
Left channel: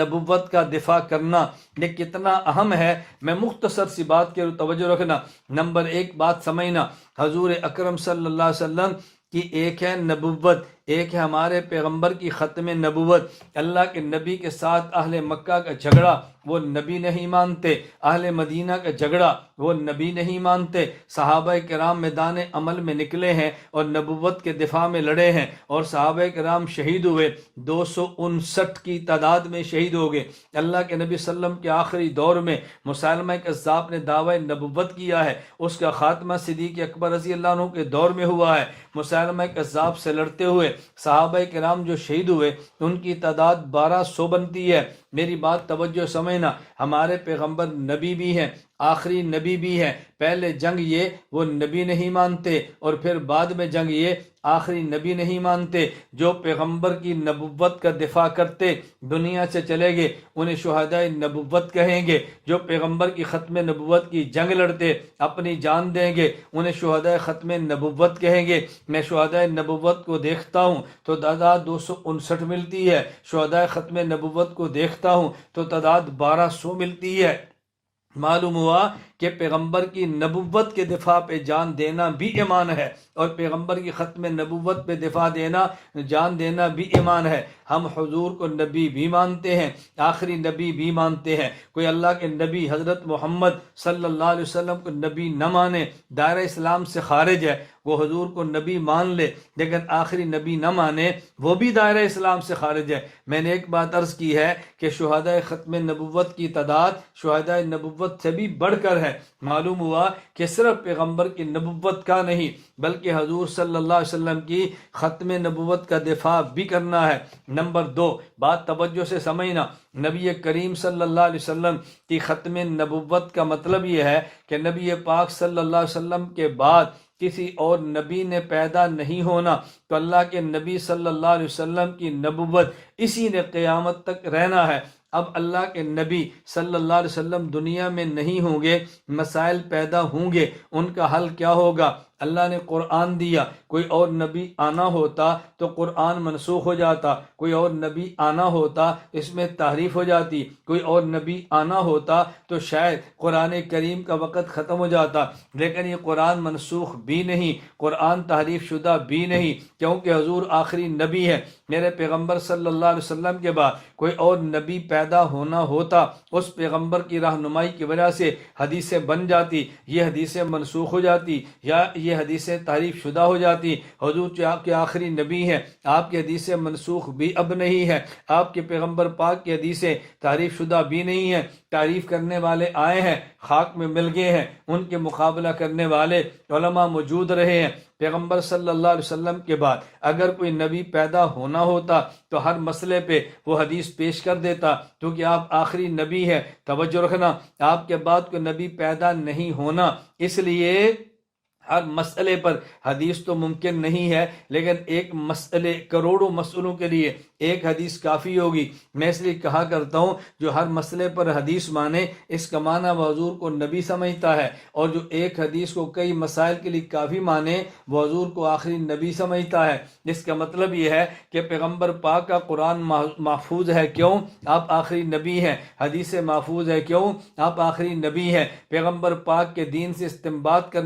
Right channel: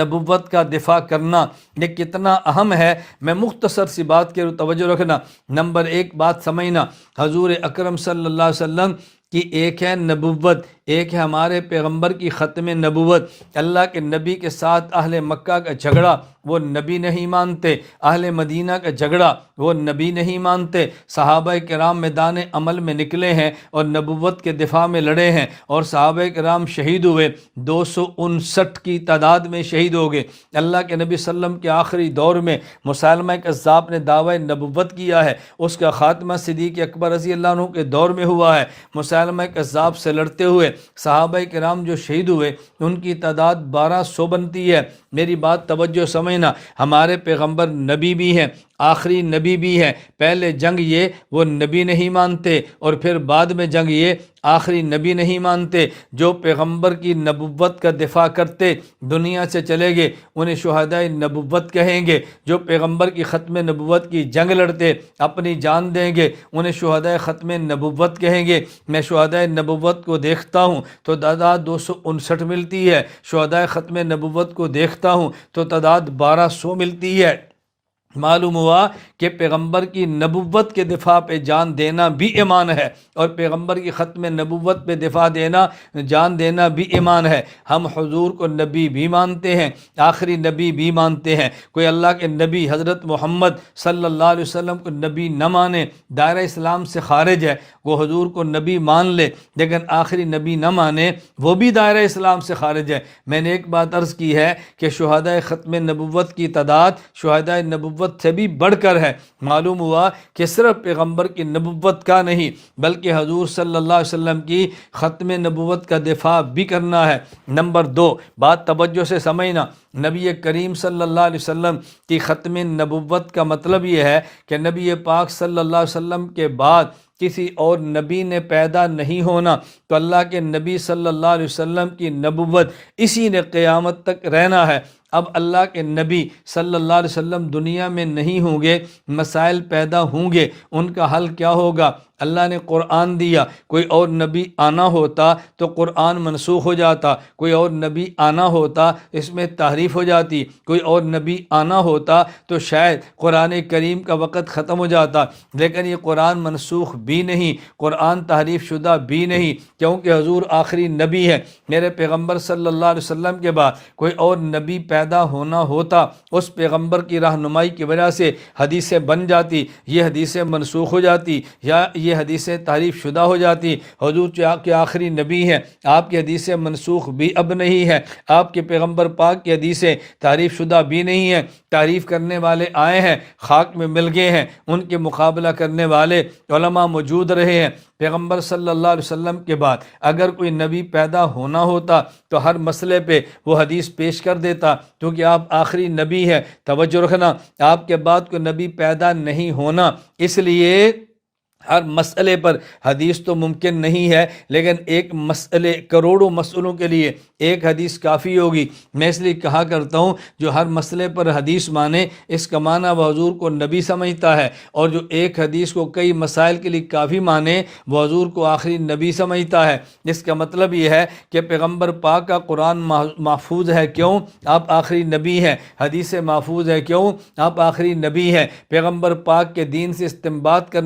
نبوت کا دفاع کرنا یہ کتنا اہم ہے، میں مختصر سی بات کے توجہ رکھنا۔ نمبر ایک بات سمجھنا، حضور اکرم صلی اللہ علیہ وسلم کی ایک ہے نبوت، ایک ہے ہمارے پیغمبر کی ختم نبوت۔ اللہ کے نبی کے ساتھ اہل مکہ کا جھگڑا وہ نبی نہیں مانتے، اہل مدینہ کا جھگڑا وہ نبی نہیں مانتے۔ صحابہ کرام میدان عمل میں نکلے ہیں اور نبوت کے دفاع میں لڑے ہیں اور صحابہ کرام شہید ہوئے، 259 کی تعداد میں شہید ہو گئے۔ اللہ کے نبی صلی اللہ علیہ وسلم کے آخری دور میں مسیلمہ کذاب نے دعوی نبوت کیا ہے، اس کا خاتمہ صدیق اکبر رضی اللہ عنہ کے دور میں ہوا ہے۔ مسیلمہ کذاب سے لڑتے ہوئے صحابہ کرام جو شہید ہوئے ان کی تعداد 1200 بنتی ہے۔ میری بات توجہ سمجھنا، ہمارے پیغمبر نبی بھی ہیں، آخری نبی بھی ہے۔ پہلے جنگ یہ وہ نبی نہیں مانتے اور پھر بعد میں جنگ یہ آخری نبی نہیں مانتے۔ جو پیغمبر کی نبوت کا دفاع کرتے دنیا سے چلے گئے انہیں شہدائے نبوت کہیں گے، جو پیغمبر کی ختم نبوت کی جنگ لڑتے اپنی جان دیں گے انہیں شہدائے ختم نبوت کہیں گے۔ میں شہدائے نبوت کو دیکھتا ہوں تو تعداد 259 ملتی ہے، شہدائے ختم نبوت کو دیکھتا ہوں تو تعداد 1200 ملتی ہے۔ معلوم ہوا کہ پیغمبر کی نبوت کے دفاع پہ جان دینا بھی ایمان ہے اور پیغمبر کی ختم نبوت پہ دفاع دینا جان دینا بھی ایمان ہے۔ ہم حضور کو نبی بھی مانتے ہیں، آخری نبی بھی مانتے ہیں۔ کوئی اللہ کے نبی حضرت محمد صلی اللہ علیہ وسلم کو نبی نہ مانے دائرہ اسلام سے خارج ہے، وہ حضور کو نبی مان لے لیکن آخری نبی نہ مانے وہ بھی دائرہ اسلام سے خارج ہے۔ میں نے ایک بات عرض کی ہے کہ شہدائے ختم نبوت کی تعداد شہدائے نبوت سے بھی بڑھ کر ہے۔ معلوم ہوا کہ صرف پیغمبر کی نبوت کا نہیں بلکہ حضور صلی اللہ علیہ وسلم کی ختم نبوت کا دفاع بھی کرنا ہے۔ نمبر دو بات توجہ سے سمجھنا، نبی کریم صلی اللہ علیہ وسلم کی ختم نبوت کا مطلب یہ ہے کہ نبی پاک صلی اللہ علیہ وسلم کے بعد کسی اور نبی نے پیدا نہیں ہونا، تو اللہ کے نبی صلی اللہ علیہ وسلم کی نبوت اسی نے قیامت تک رہنا ہے۔ اب اللہ کے نبی صلی اللہ علیہ وسلم دنیا میں نہیں ہوں گے، مسائل پیدا ہوں گے، ان کا حل کیا ہوگا؟ اللہ نے قرآن دیا، کوئی اور نبی آنا ہوتا تو قرآن منسوخ ہو جاتا، کوئی اور نبی آنا ہوتا اس میں تحریف ہو جاتی، کوئی اور نبی آنا ہوتا تو شاید قرآن کریم کا وقت ختم ہو جاتا، لیکن یہ قرآن منسوخ بھی نہیں، قرآن تحریف شدہ بھی نہیں، کیونکہ حضور آخری نبی ہے۔ میرے پیغمبر صلی اللہ علیہ وسلم کے بعد کوئی اور نبی پیدا ہونا ہوتا، اس پیغمبر کی رہنمائی کی وجہ سے حدیثیں بن جاتی، یہ حدیثیں منسوخ ہو جاتی، یا یہ یہ حدیثیں تعریف شدہ ہو جاتی. حضور کے آخری نبی ہیں, آپ کی حدیثیں منسوخ بھی اب نہیں ہے, آپ کے پیغمبر پاک کی حدیثیں تعریف شدہ بھی نہیں ہیں. تعریف کرنے والے آئے ہیں, خاک میں مل گئے ہیں, ان کے مقابلہ کرنے والے علماء موجود رہے ہیں. پیغمبر صلی اللہ علیہ وسلم کے بعد اگر کوئی نبی پیدا ہونا ہوتا تو ہر مسئلے پہ وہ حدیث پیش کر دیتا, کیونکہ آپ آخری نبی ہیں. توجہ رکھنا, آپ کے بعد کوئی نبی پیدا نہیں ہونا, اس لیے ہر مسئلے پر حدیث تو ممکن نہیں ہے, لیکن ایک مسئلے کروڑوں مسئلوں کے لیے ایک حدیث کافی ہوگی. میں اس لیے کہا کرتا ہوں جو ہر مسئلے پر حدیث مانے اس کا معنی وہ حضور کو نبی سمجھتا ہے, اور جو ایک حدیث کو کئی مسائل کے لیے کافی مانے وہ حضور کو آخری نبی سمجھتا ہے. اس کا مطلب یہ ہے کہ پیغمبر پاک کا قرآن محفوظ ہے, کیوں؟ آپ آخری نبی ہیں. حدیث محفوظ ہے, کیوں؟ آپ آخری نبی ہیں. پیغمبر پاک کے دین سے استنباط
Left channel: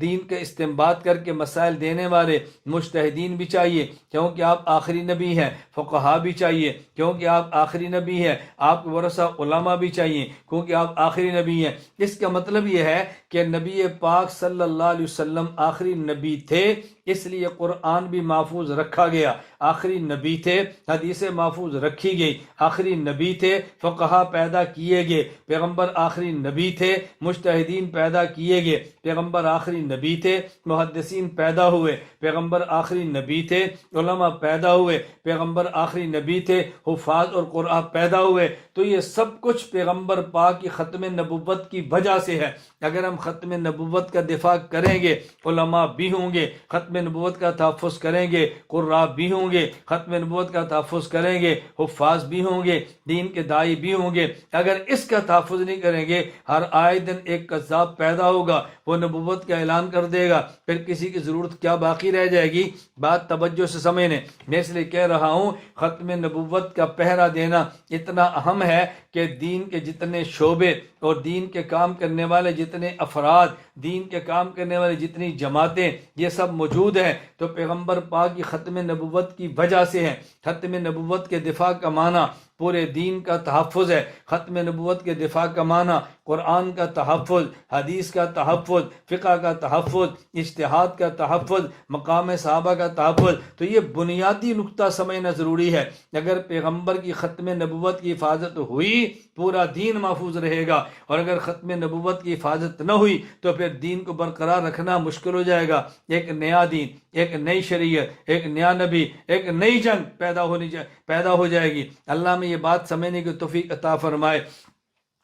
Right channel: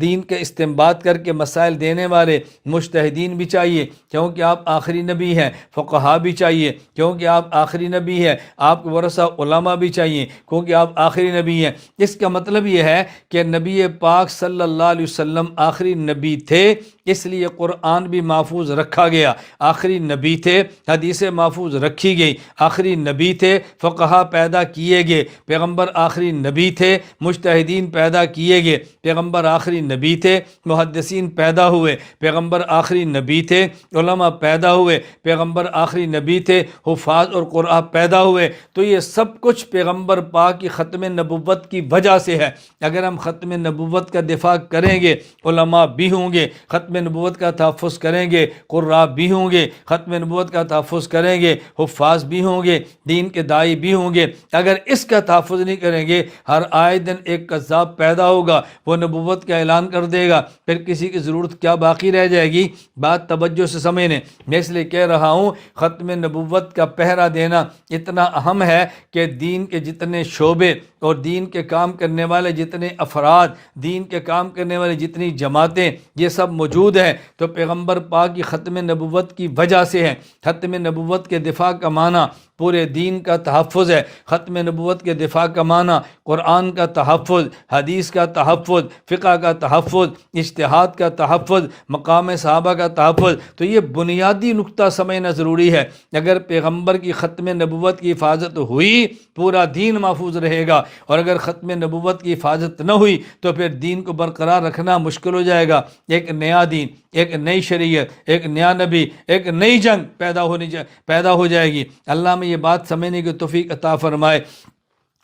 دین کے استنباط کر کے مسائل دینے والے مجتہدین بھی چاہیے, کیونکہ آپ آخری نبی ہیں. فقہا بھی چاہیے, کیونکہ آپ آخری نبی ہیں. آپ کے ورثہ علماء بھی چاہیے, کیونکہ آپ آخری نبی ہیں. اس کا مطلب یہ ہے کہ نبی پاک صلی اللہ علیہ وسلم آخری نبی تھے, اس لیے قرآن بھی محفوظ رکھا گیا. آخری نبی تھے, حدیثیں محفوظ رکھی گئی. آخری نبی تھے, فقہا پیدا کیے گئے. پیغمبر آخری نبی تھے, مجتہدین پیدا کیے گئے. پیغمبر آخری نبی تھے, محدثین پیدا ہوئے. پیغمبر آخری نبی تھے, علماء پیدا ہوئے. پیغمبر آخری نبی تھے, حفاظ اور قرآن پیدا ہوئے. تو یہ سب کچھ پیغمبر پاک کی ختم نبوت کی وجہ سے ہے. اگر ہم ختم نبوت کا دفاع کریں گے علماء بھی ہوں گے, ختم نبوت کا تحفظ کریں گے قراء بھی ہوں گے, ختم نبوت کا تحفظ کریں گے حفاظ بھی ہوں گے, دین کے داعی بھی ہوں گے. اگر اس کا تحفظ نہیں کریں گے ہر آئے دن ایک کذاب پیدا ہوگا, وہ نبوت کا اعلان کر دے گا, پھر کسی کی ضرورت کیا باقی رہ جائے گی؟ بات توجہ سے سمجھنے. میں اس لیے کہہ رہا ہوں ختم نبوت کا پہرا دینا اتنا اہم ہے کہ دین کے جتنے شعبے اور دین کے کام کرنے والے جتنے افراد, دین کے کام کرنے والے جتنی جماعتیں, یہ سب موجود ہیں تو پیغمبر پاک کی ختم نبوت کی وجہ سے ہے. ختم نبوت کے دفاع کا معنی پورے دین کا تحفظ ہے. ختم نبوت کے دفاع کا معنی قرآن کا تحفظ, حدیث کا تحفظ, فقہ کا تحفظ, اجتہاد کا تحفظ, مقام صحابہ کا تحفظ. تو یہ بنیادی نقطہ سمجھنا ضروری ہے. اگر پیغمبر کی ختم نبوت کی حفاظت ہوئی پورا دین محفوظ رہے گا, اور اگر ختم نبوت کی حفاظت نہ ہوئی تو پھر دین کو برقرار رکھنا مشکل ہو جائے گا. ایک نیا دین, ایک نئی شریعت, ایک نیا نبی, ایک نئی جنگ پیدا ہو جائے گی. اللہ میں یہ بات سمجھنے کی توفیق عطا فرمائے.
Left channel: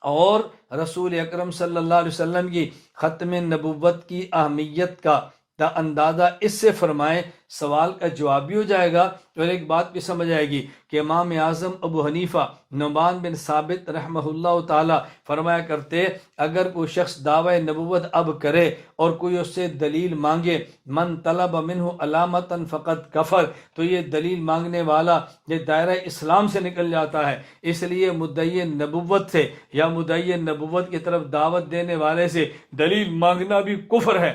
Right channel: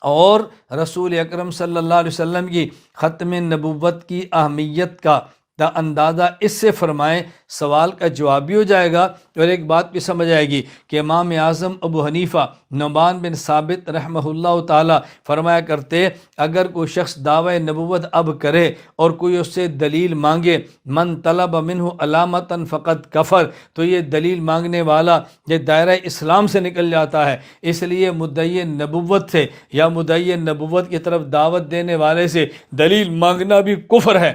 اور رسول اکرم صلی اللہ علیہ وسلم کی ختم نبوت کی اہمیت کا اندازہ اس سے فرمائے, سوال کا جواب بھی ہو جائے گا اور ایک بات بھی سمجھ آئے گی کہ امام اعظم ابو حنیفہ نعمان بن ثابت رحمہ اللہ تعالی فرمایا کرتے, اگر کوئی شخص دعوی نبوت اب کرے اور کوئی اس سے دلیل مانگے, من طلب منہ علامتا فقد کفر, تو یہ دلیل مانگنے والا یہ دائرہ اسلام سے نکل جاتا ہے. اس لیے مدعی نبوت سے یا مدعی نبوت کی طرف دعوت دینے والے سے دلیل مانگنا بھی کفر ہے.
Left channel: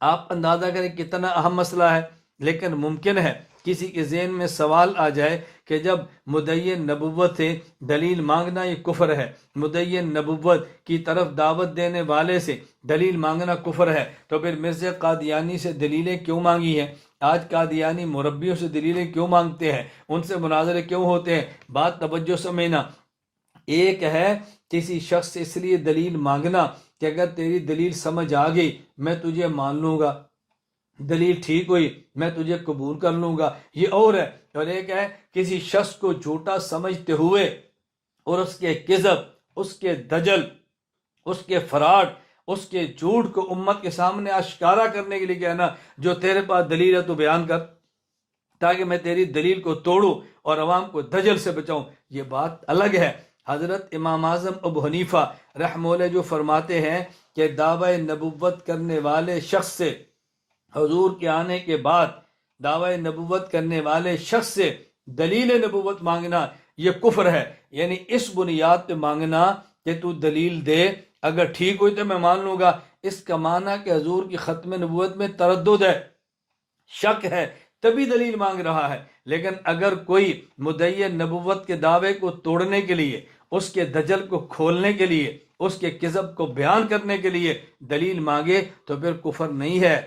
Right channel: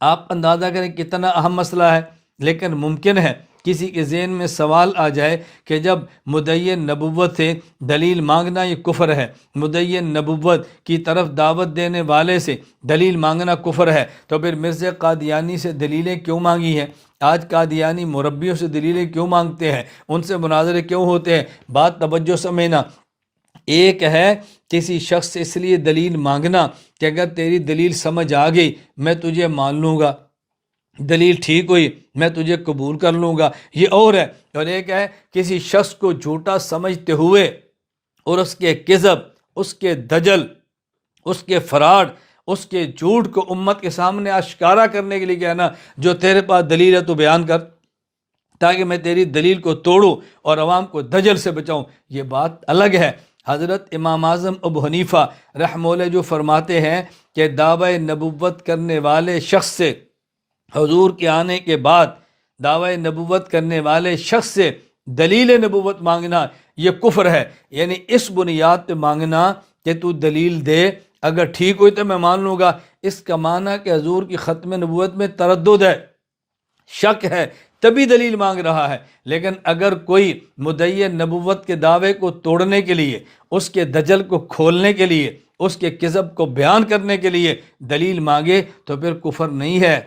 آپ اندازہ کریں کتنا اہم مسئلہ ہے, لیکن ممکن ہے کسی کے ذہن میں سوال آ جائے کہ جب مدعی نبوت سے دلیل مانگنا یہ کفر ہے, مدعی نبوت کی طرف دعوت دینے والے سے دلیل مانگنا کفر ہے, تو پھر مرزا قادیانی سے دلیلیں کیوں مانگی ہیں؟ آج قادیانی مربیوں سے دلیلیں کیوں مانگتے ہیں؟ ان سے مناظرے کیوں ہوتے ہیں؟ بات توجہ سمجھنا. ایک ہے کسی شخص سے اس لیے دلیل مانگنا کہ اگر تیری دلیل سمجھ آ گئی میں تجھے مان لوں گا, دلیل ٹھیک ہوئی میں تجھے قبول کر لوں گا, یہ اور ہے. اور ایک ہے کسی شخص کو جھوٹا سمجھتے ہوئے اور اس کے کذب, اس کے دجل, اس کے فراڈ, اس کے جھوٹ کو امت کے سامنے آشکارا کرنے کے لیے کہنا جو تیرے پاس دلیل ہے تو بیان کر تاکہ میں تیری دلیل کو توڑوں اور عوام کو دجل سے بچاؤں. یہ بات الگ ہے. حضرت امام اعظم ابو حنیفہ رحمہ اللہ جو فرماتے ہیں کہ دعوی نبوت کرنے والے شخص سے حضور کے آنے کے بعد دعوی نبوت کرنے والے شخص سے دلیل نبوت مانگنا یہ کفر ہے. یعنی اس بنیاد پہ مانگنا کہ تو دلیل دے, اگر ٹھیک ہوئی تو میں مان لوں گا. اس کا معنی کہ حضور کی ختم نبوت میں تردد ہے, شک ہے, تبھی دلیل مانگ رہا ہے. لیکن اگر کوئی مدعی نبوت کے دعوے کو توڑنے کے لیے, اس کے دجل کو کھولنے کے لیے, اس کے کذب کو بیان کرنے کے لیے دلیل مانگے تو پھر کفر نہیں ہے،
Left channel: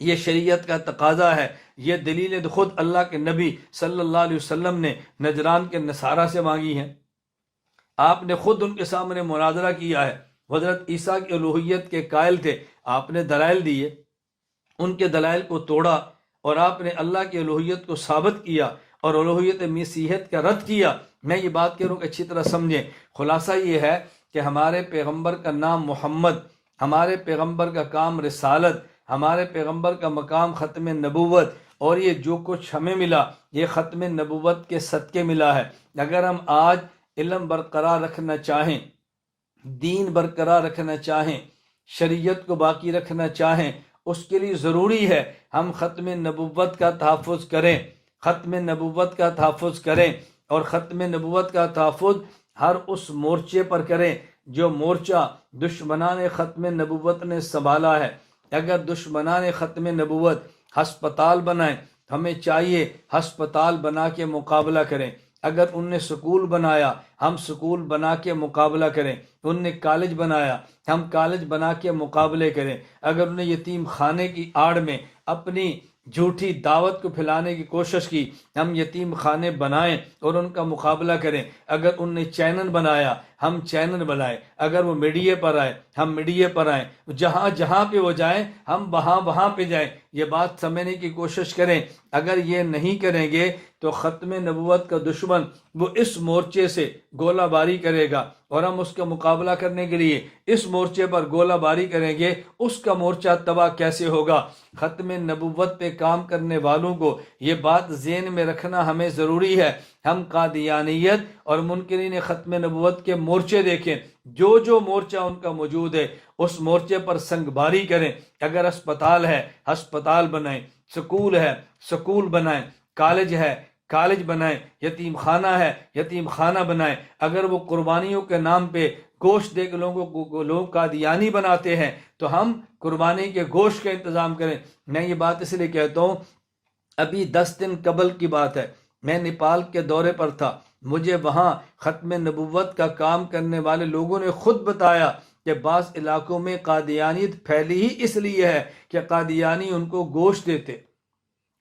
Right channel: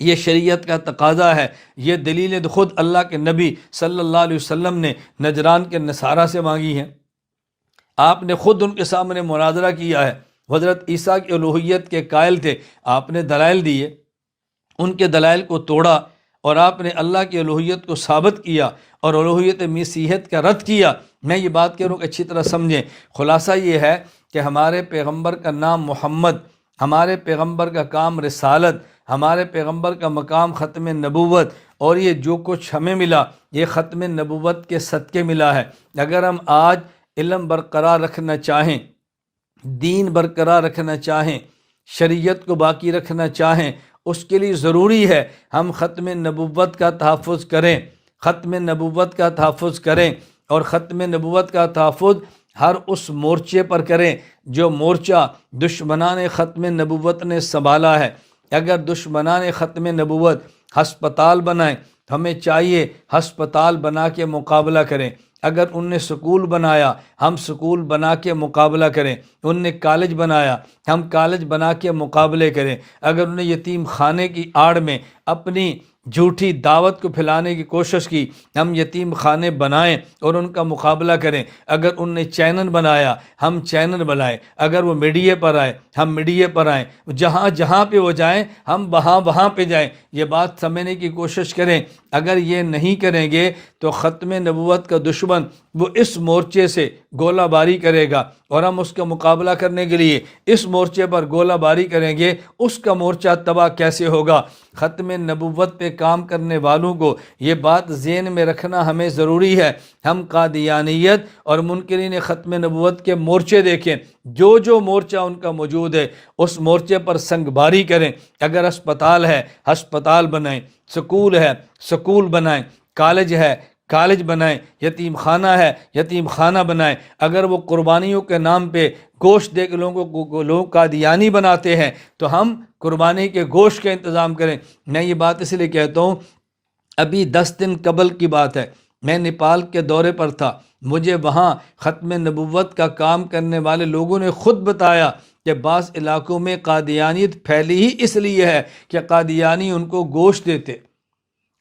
یہ شریعت کا تقاضا ہے۔ یہ دلیل خود اللہ کے نبی صلی اللہ علیہ وسلم نے نجران کے نصارہ سے مانگی ہیں، آپ نے خود ان کے سامنے مناظرہ کیا ہے۔ حضرت عیسیٰ کی الوہیت کے قائل تھے، آپ نے دلائل دیے، ان کے دلائل کو توڑا اور آپ نے اللہ کی الوہیت کو ثابت کیا اور الوہیت مسیحیت کا رد کیا۔ میں یہ بات کہہ رہا ہوں کہ اچھی طرح سمجھیں، خلاصہ یہ ہے کہ ہمارے پیغمبر کا نام محمد، ہمارے پیغمبر کا کام رسالت، ہمارے پیغمبر کا مقام ختم نبوت، اور یہ جو کچھ ہمیں ملا یہ ختم نبوت کے صدقے ملا ہے۔ اگر ہم آج علم برقرار رکھنا چاہیں، دین برقرار رکھنا چاہیں، شریعت کو باقی رکھنا چاہیں، اس کے لیے ضروری ہے ہم ختم نبوت کا تحفظ کریں، ختم نبوت کا تحفظ کریں، اور ختم نبوت کا تحفظ ہر اس مورچے پر کریں جو مورچہ دشمنان ختم نبوت نے سنبھالا ہے۔ اگر دشمنان ختم نبوت ہسپتال بنائیں، ہمیں چاہیے ہسپتال بنا کے مقابلہ کریں۔ اگر ان نے سکول بنایا، ہم سکول بنا کے مقابلہ کریں۔ ان نے کالج بنایا، ہم کالج بنا کے مقابلے کریں۔ اگر انہوں نے یتیم خانے کی آڑ میں اپنی جھوٹی دعوت کو پھیلانے کی کوشش کی، ہم یتیم خانے بنائیں اور ان کا مقابلہ کریں۔ اگر ان نے چینل بنایا، ہم چینل بنائیں۔ اگر وہ میڈیا پر آئے، ہم میڈیا پر آئیں۔ جہاں جہاں پہ وہ جائیں، ہم وہاں پہ جائیں۔ یہ بات سمجھنے کی کوشش کریں۔ اگر یہ نہیں کریں گے تو ختم نبوت کا دشمن وہ اس مورچے سے گولہ باری کرے گا، اور ہم اس کا مقابلہ کرنے کے لیے اس مورچے پر گولہ باری کریں گے، اس کا مورچہ تباہ کیسے ہوگا؟ ختم نبوت پہ کام کرنے والوں کو یہ بات ذہن میں رکھنا ہمیں ضروری ہے۔ ہم قادیانیت اور منکرین ختم نبوت کے مورچے دیکھیں، جو مورچہ ان کا موجود ہے اس مورچے پر سنگ باری کریں۔ اگر ہسپتال ہے، ہسپتال بنائیں، سکول ہے، سکول بنائیں، کالج ہے، کالج بنائیں، یتیم خانہ ہے، یتیم خانہ بنائیں۔ اگر وہ قربانیوں کے نام پہ گوشت دے کے لوگ قادیانی بناتے ہیں تو ہم قربانی کے گوشت کا انتظام کریں۔ میں یہ بات اس لیے کہتا ہوں، ابھی 10 دن قبل کی بات ہے، میں نیپال کے دورے پر تھا، مجھے وہاں ختم نبوت کا کام کرنے والے لوگوں نے خود بتایا کہ بعض علاقوں میں قادیانیت پھیلی ہی اس لیے ہے کہ قادیانی ان کو گوشت دیتے،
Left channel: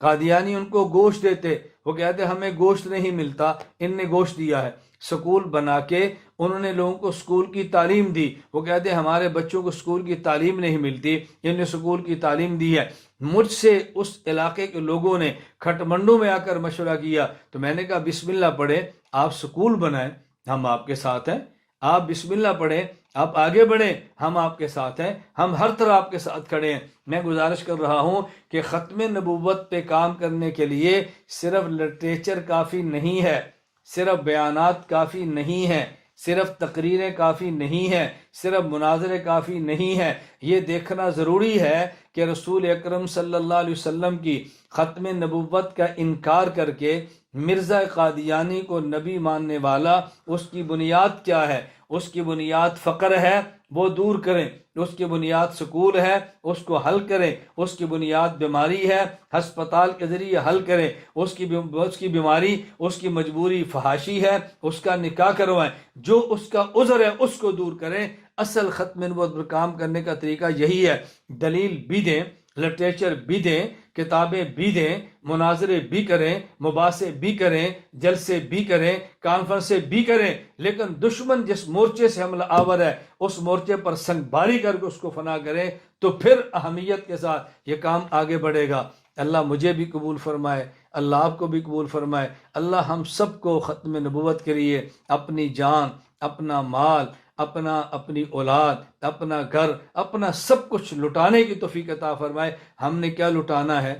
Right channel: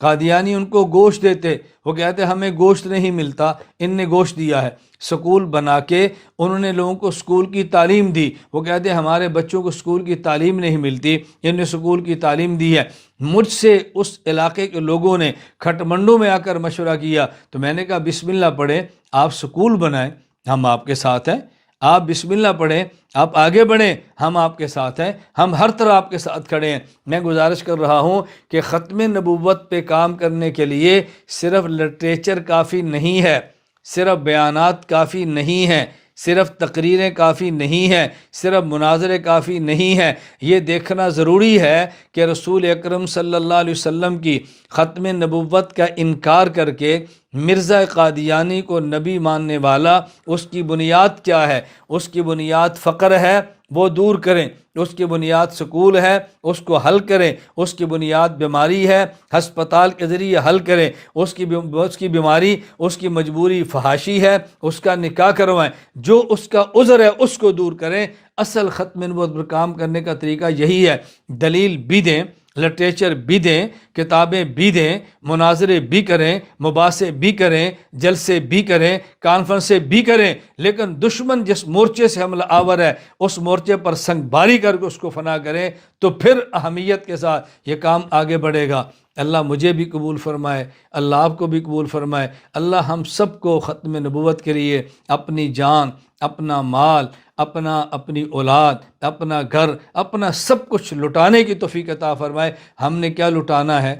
قادیانی ان کو گوشت دیتے۔ وہ کہتے ہمیں گوشت نہیں ملتا، ان نے گوشت دیا ہے۔ سکول بنا کے انہوں نے لوگوں کو سکول کی تعلیم دی، وہ کہتے ہمارے بچوں کو سکول کی تعلیم نہیں ملتی، ان نے سکول کی تعلیم دی ہے۔ مجھ سے اس علاقے کے لوگوں نے کھٹ منڈو میں آ کر مشورہ کیا، تو میں نے کہا بسم اللہ پڑھیں، آپ سکول بنائیں، ہم آپ کے ساتھ ہیں۔ آپ بسم اللہ پڑھیں، آپ آگے بڑھیں، ہم آپ کے ساتھ ہیں، ہم ہر طرح آپ کے ساتھ کھڑے ہیں۔ میں گزارش کر رہا ہوں کہ ختم نبوت پہ کام کرنے کے لیے صرف لٹریچر کافی نہیں ہے، صرف بیانات کافی نہیں ہیں، صرف تقریریں کافی نہیں ہیں، صرف مناظرے کافی نہیں ہیں۔ یہ دیکھنا ضروری ہے کہ رسول اکرم صلی اللہ علیہ وسلم کی ختم نبوت کا انکار کر کے مرزا قادیانی کو نبی ماننے والا، اس کی بنیاد کیا ہے؟ اس کی بنیاد فقر ہے، وہ دور کریں۔ اس کی بنیاد سکول ہے، اس کو حل کریں۔ اس کی بنیاد بیماری ہے، ہسپتال کے ذریعے حل کریں۔ اس کی بیماری، اس کی مجبوری فحاشی ہے، اس کا نکاح کروائیں۔ جو اس کا عذر ہے اس کو دور کریں۔ اصل ختم نبوت پر کام کرنے کا طریقہ یہی ہے۔ دلیل بھی دیں، لٹریچر بھی دیں، کتابیں بھی دیں، مناظرے بھی کریں، مباحثے بھی کریں، جلسے بھی کریں، کانفرنسیں بھی کریں، لیکن دشمن جس مورچے سے حملہ آور ہے اس مورچے پر سنگ باری کر کے اس کو فنا کریں، تو پھر اہمیت کے ساتھ یہ کام آگے بڑھے گا۔ اللہ مجھے بھی قبول فرمائے، اللہ آپ کو بھی قبول فرمائے۔ اللہ ہم سب کو ختم نبوت کے لیے اپنی جان، اپنا مال، اپنی اولاد، اپنا گھر، اپنا سب کچھ لٹانے کی توفیق عطا فرمائے۔ ہم نے کیا لٹانا ہے؟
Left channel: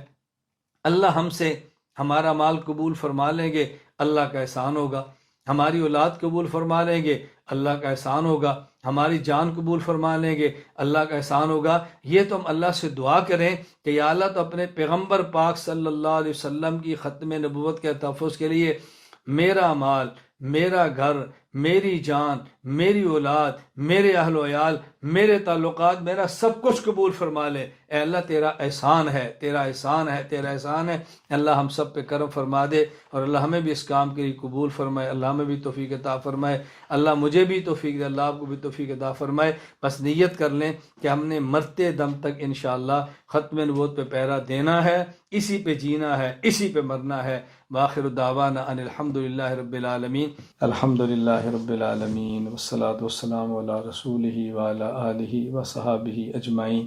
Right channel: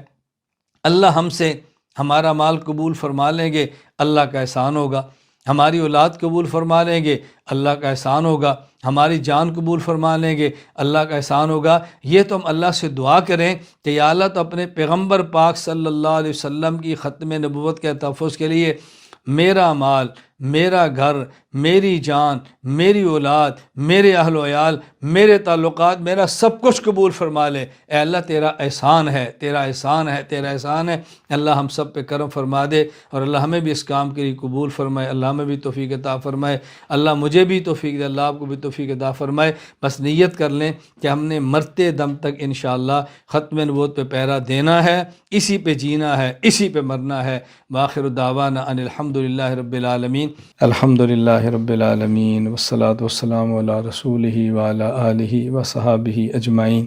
اللہ ہم سے ہمارا مال قبول فرما لیں گے، اللہ کا احسان ہوگا۔ ہماری اولاد قبول فرما لیں گے، اللہ کا احسان ہوگا۔ ہماری جان قبول فرما لیں گے، اللہ کا احسان ہوگا۔ یہ تو ہم اللہ سے دعا کریں کہ یا اللہ تو اپنے پیغمبر پاک صلی اللہ علیہ وسلم کی ختم نبوت کے تحفظ کے لیے میرا مال، میرا گھر، میری جان، میری اولاد، میرے اہل و عیال، میرے تعلقات، میرا سب کچھ قبول فرما لے۔ اے اللہ تیرا احسان ہے، تیرا احسان ہے، تیرا احسان ہے۔ اللہ ہم سب پہ کرم فرما دے، اور اللہ ہمیں بھی اس کام کے لیے قبول فرمائے، اللہ ہمیں بھی توفیق عطا فرمائے، اللہ مجھے بھی توفیق دے، اللہ آپ کو بھی توفیق عطا فرمائے۔ بس نیت کر لیں کہ ہم نے مرتے دم تک انشاءاللہ ختم نبوت پہ پہرا دینا ہے، اسی پہ جینا ہے، اسی پہ مرنا ہے۔ وآخر دعوانا ان الحمدللہ رب العالمین۔ الحمدللہ رب العالمین والصلاة والسلام علی رسولہ وعلی آلہ وصحابہ اجمعین۔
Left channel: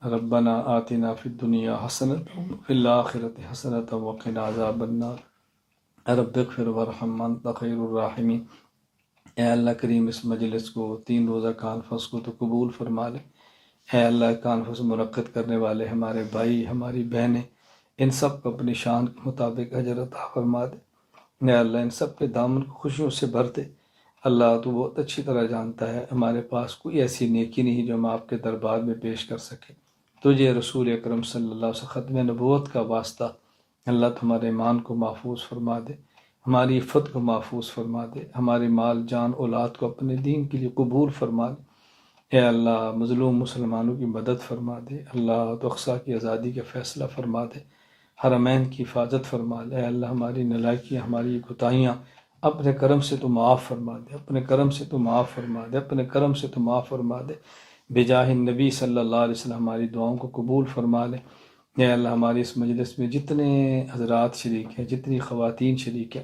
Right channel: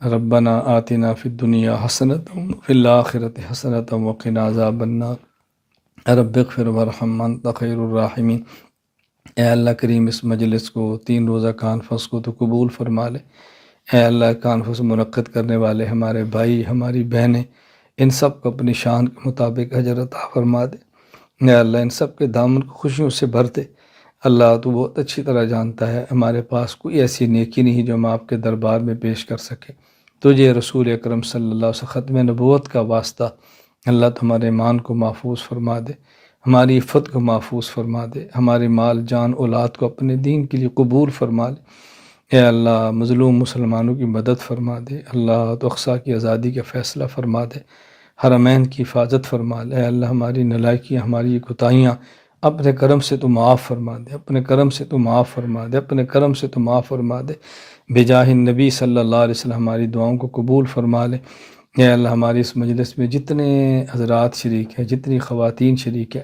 ربنا آتنا فی الدنیا حسنۃ وفی الآخرۃ حسنۃ وقنا عذاب النار رب اغفر وارحم انت خیر الراحمین۔ اے اللہ کریم اس مجلس کو، 3 روزہ کانفرنس کو تو قبول فرما لے۔ اے اللہ کانفرنس منعقد کرنے والے ہمارے بھائی، ہماری بہنیں، ان سب کو اپنی شان کے مطابق اجر عطا فرما دے۔ اے اللہ ان سب کے دامن کو خوشیوں سے بھر دے۔ اللہ تو بہت اچھی طرح جانتا ہے ہمارے پاس کوئی ایسی نیکی نہیں جو ہم آپ کے دربار میں پیش کر سکے۔ تجھے رسول اکرم صلی اللہ علیہ وسلم ختم نبوت کا واسطہ اللہ تمہارے ایمان کو محفوظ فرما دے، ہماری عفت کو محفوظ فرما دے، ہمارے مال جان اولاد کو اپنے دین کے لیے قبول فرما لے۔ اے اللہ مظلوم مسلمانوں کی مدد فرما دے، اللہ تو اقصیٰ کی آزادی کا فیصلہ فرما دے، حرمین کی حفاظت فرما لے۔ اے اللہ ہماری نالائکیاں، ہماری کوتاہیاں اپنے کرم سے تو معاف فرما دے، اپنے کرم سے تو معاف فرما دے، اپنے کرم سے تو معاف فرما دے۔ بجاہ النبی صلی اللہ علیہ وسلم ہماری دعاؤں کو قبول فرما لے۔ اے اللہ ہماری اس مجلس میں جتنے حضرات شریک ہیں، جتنی خواتین شریک ہیں،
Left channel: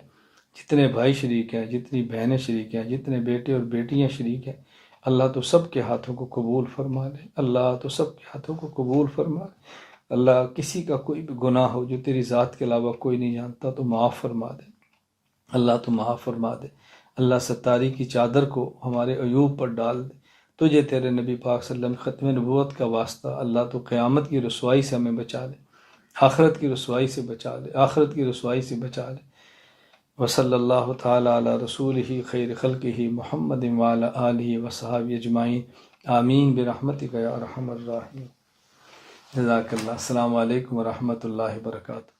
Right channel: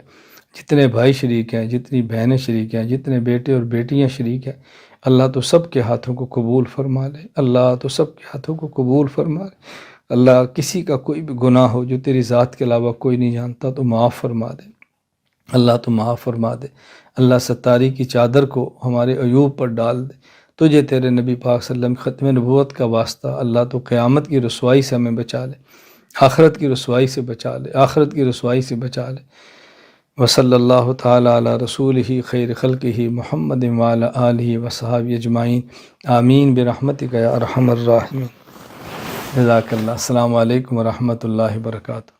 جتنے بھائی شریک ہیں، جتنی بہنیں شریک ہیں، جتنے بیٹے اور بیٹیاں شریک ہیں، اللہ تو سب کے ہاتھوں کو قبول فرما لے، اللہ تو سب کے ہاتھوں کو قبول فرما لے۔ اللہ کسی کا کوئی بھی گناہ ہو جو تیری ذات کے علاوہ کوئی نہیں جانتا تو معاف فرما دے، اللہ تو معاف فرما دے۔ اللہ ستاری کی چادر کو ہمارے عیوب پر ڈال دے۔ تجھے تیرے نبی پاک صلی اللہ علیہ وسلم ختم نبوت کا واسطہ اللہ تو قیامت کی رسوائی سے ہمیں بچا لے، آخرت کی رسوائی سے بچا لے، آخرت کی رسوائی سے بچا لے۔ وصلی اللہ تعالیٰ علی رسولہ خیر خلقہ محمد وعلی آلہ وصحابہ اجمعین، آمین برحمتک یا ارحم الراحمین۔ جزاک اللہ۔ السلام علیکم ورحمۃ اللہ وبرکاتہ۔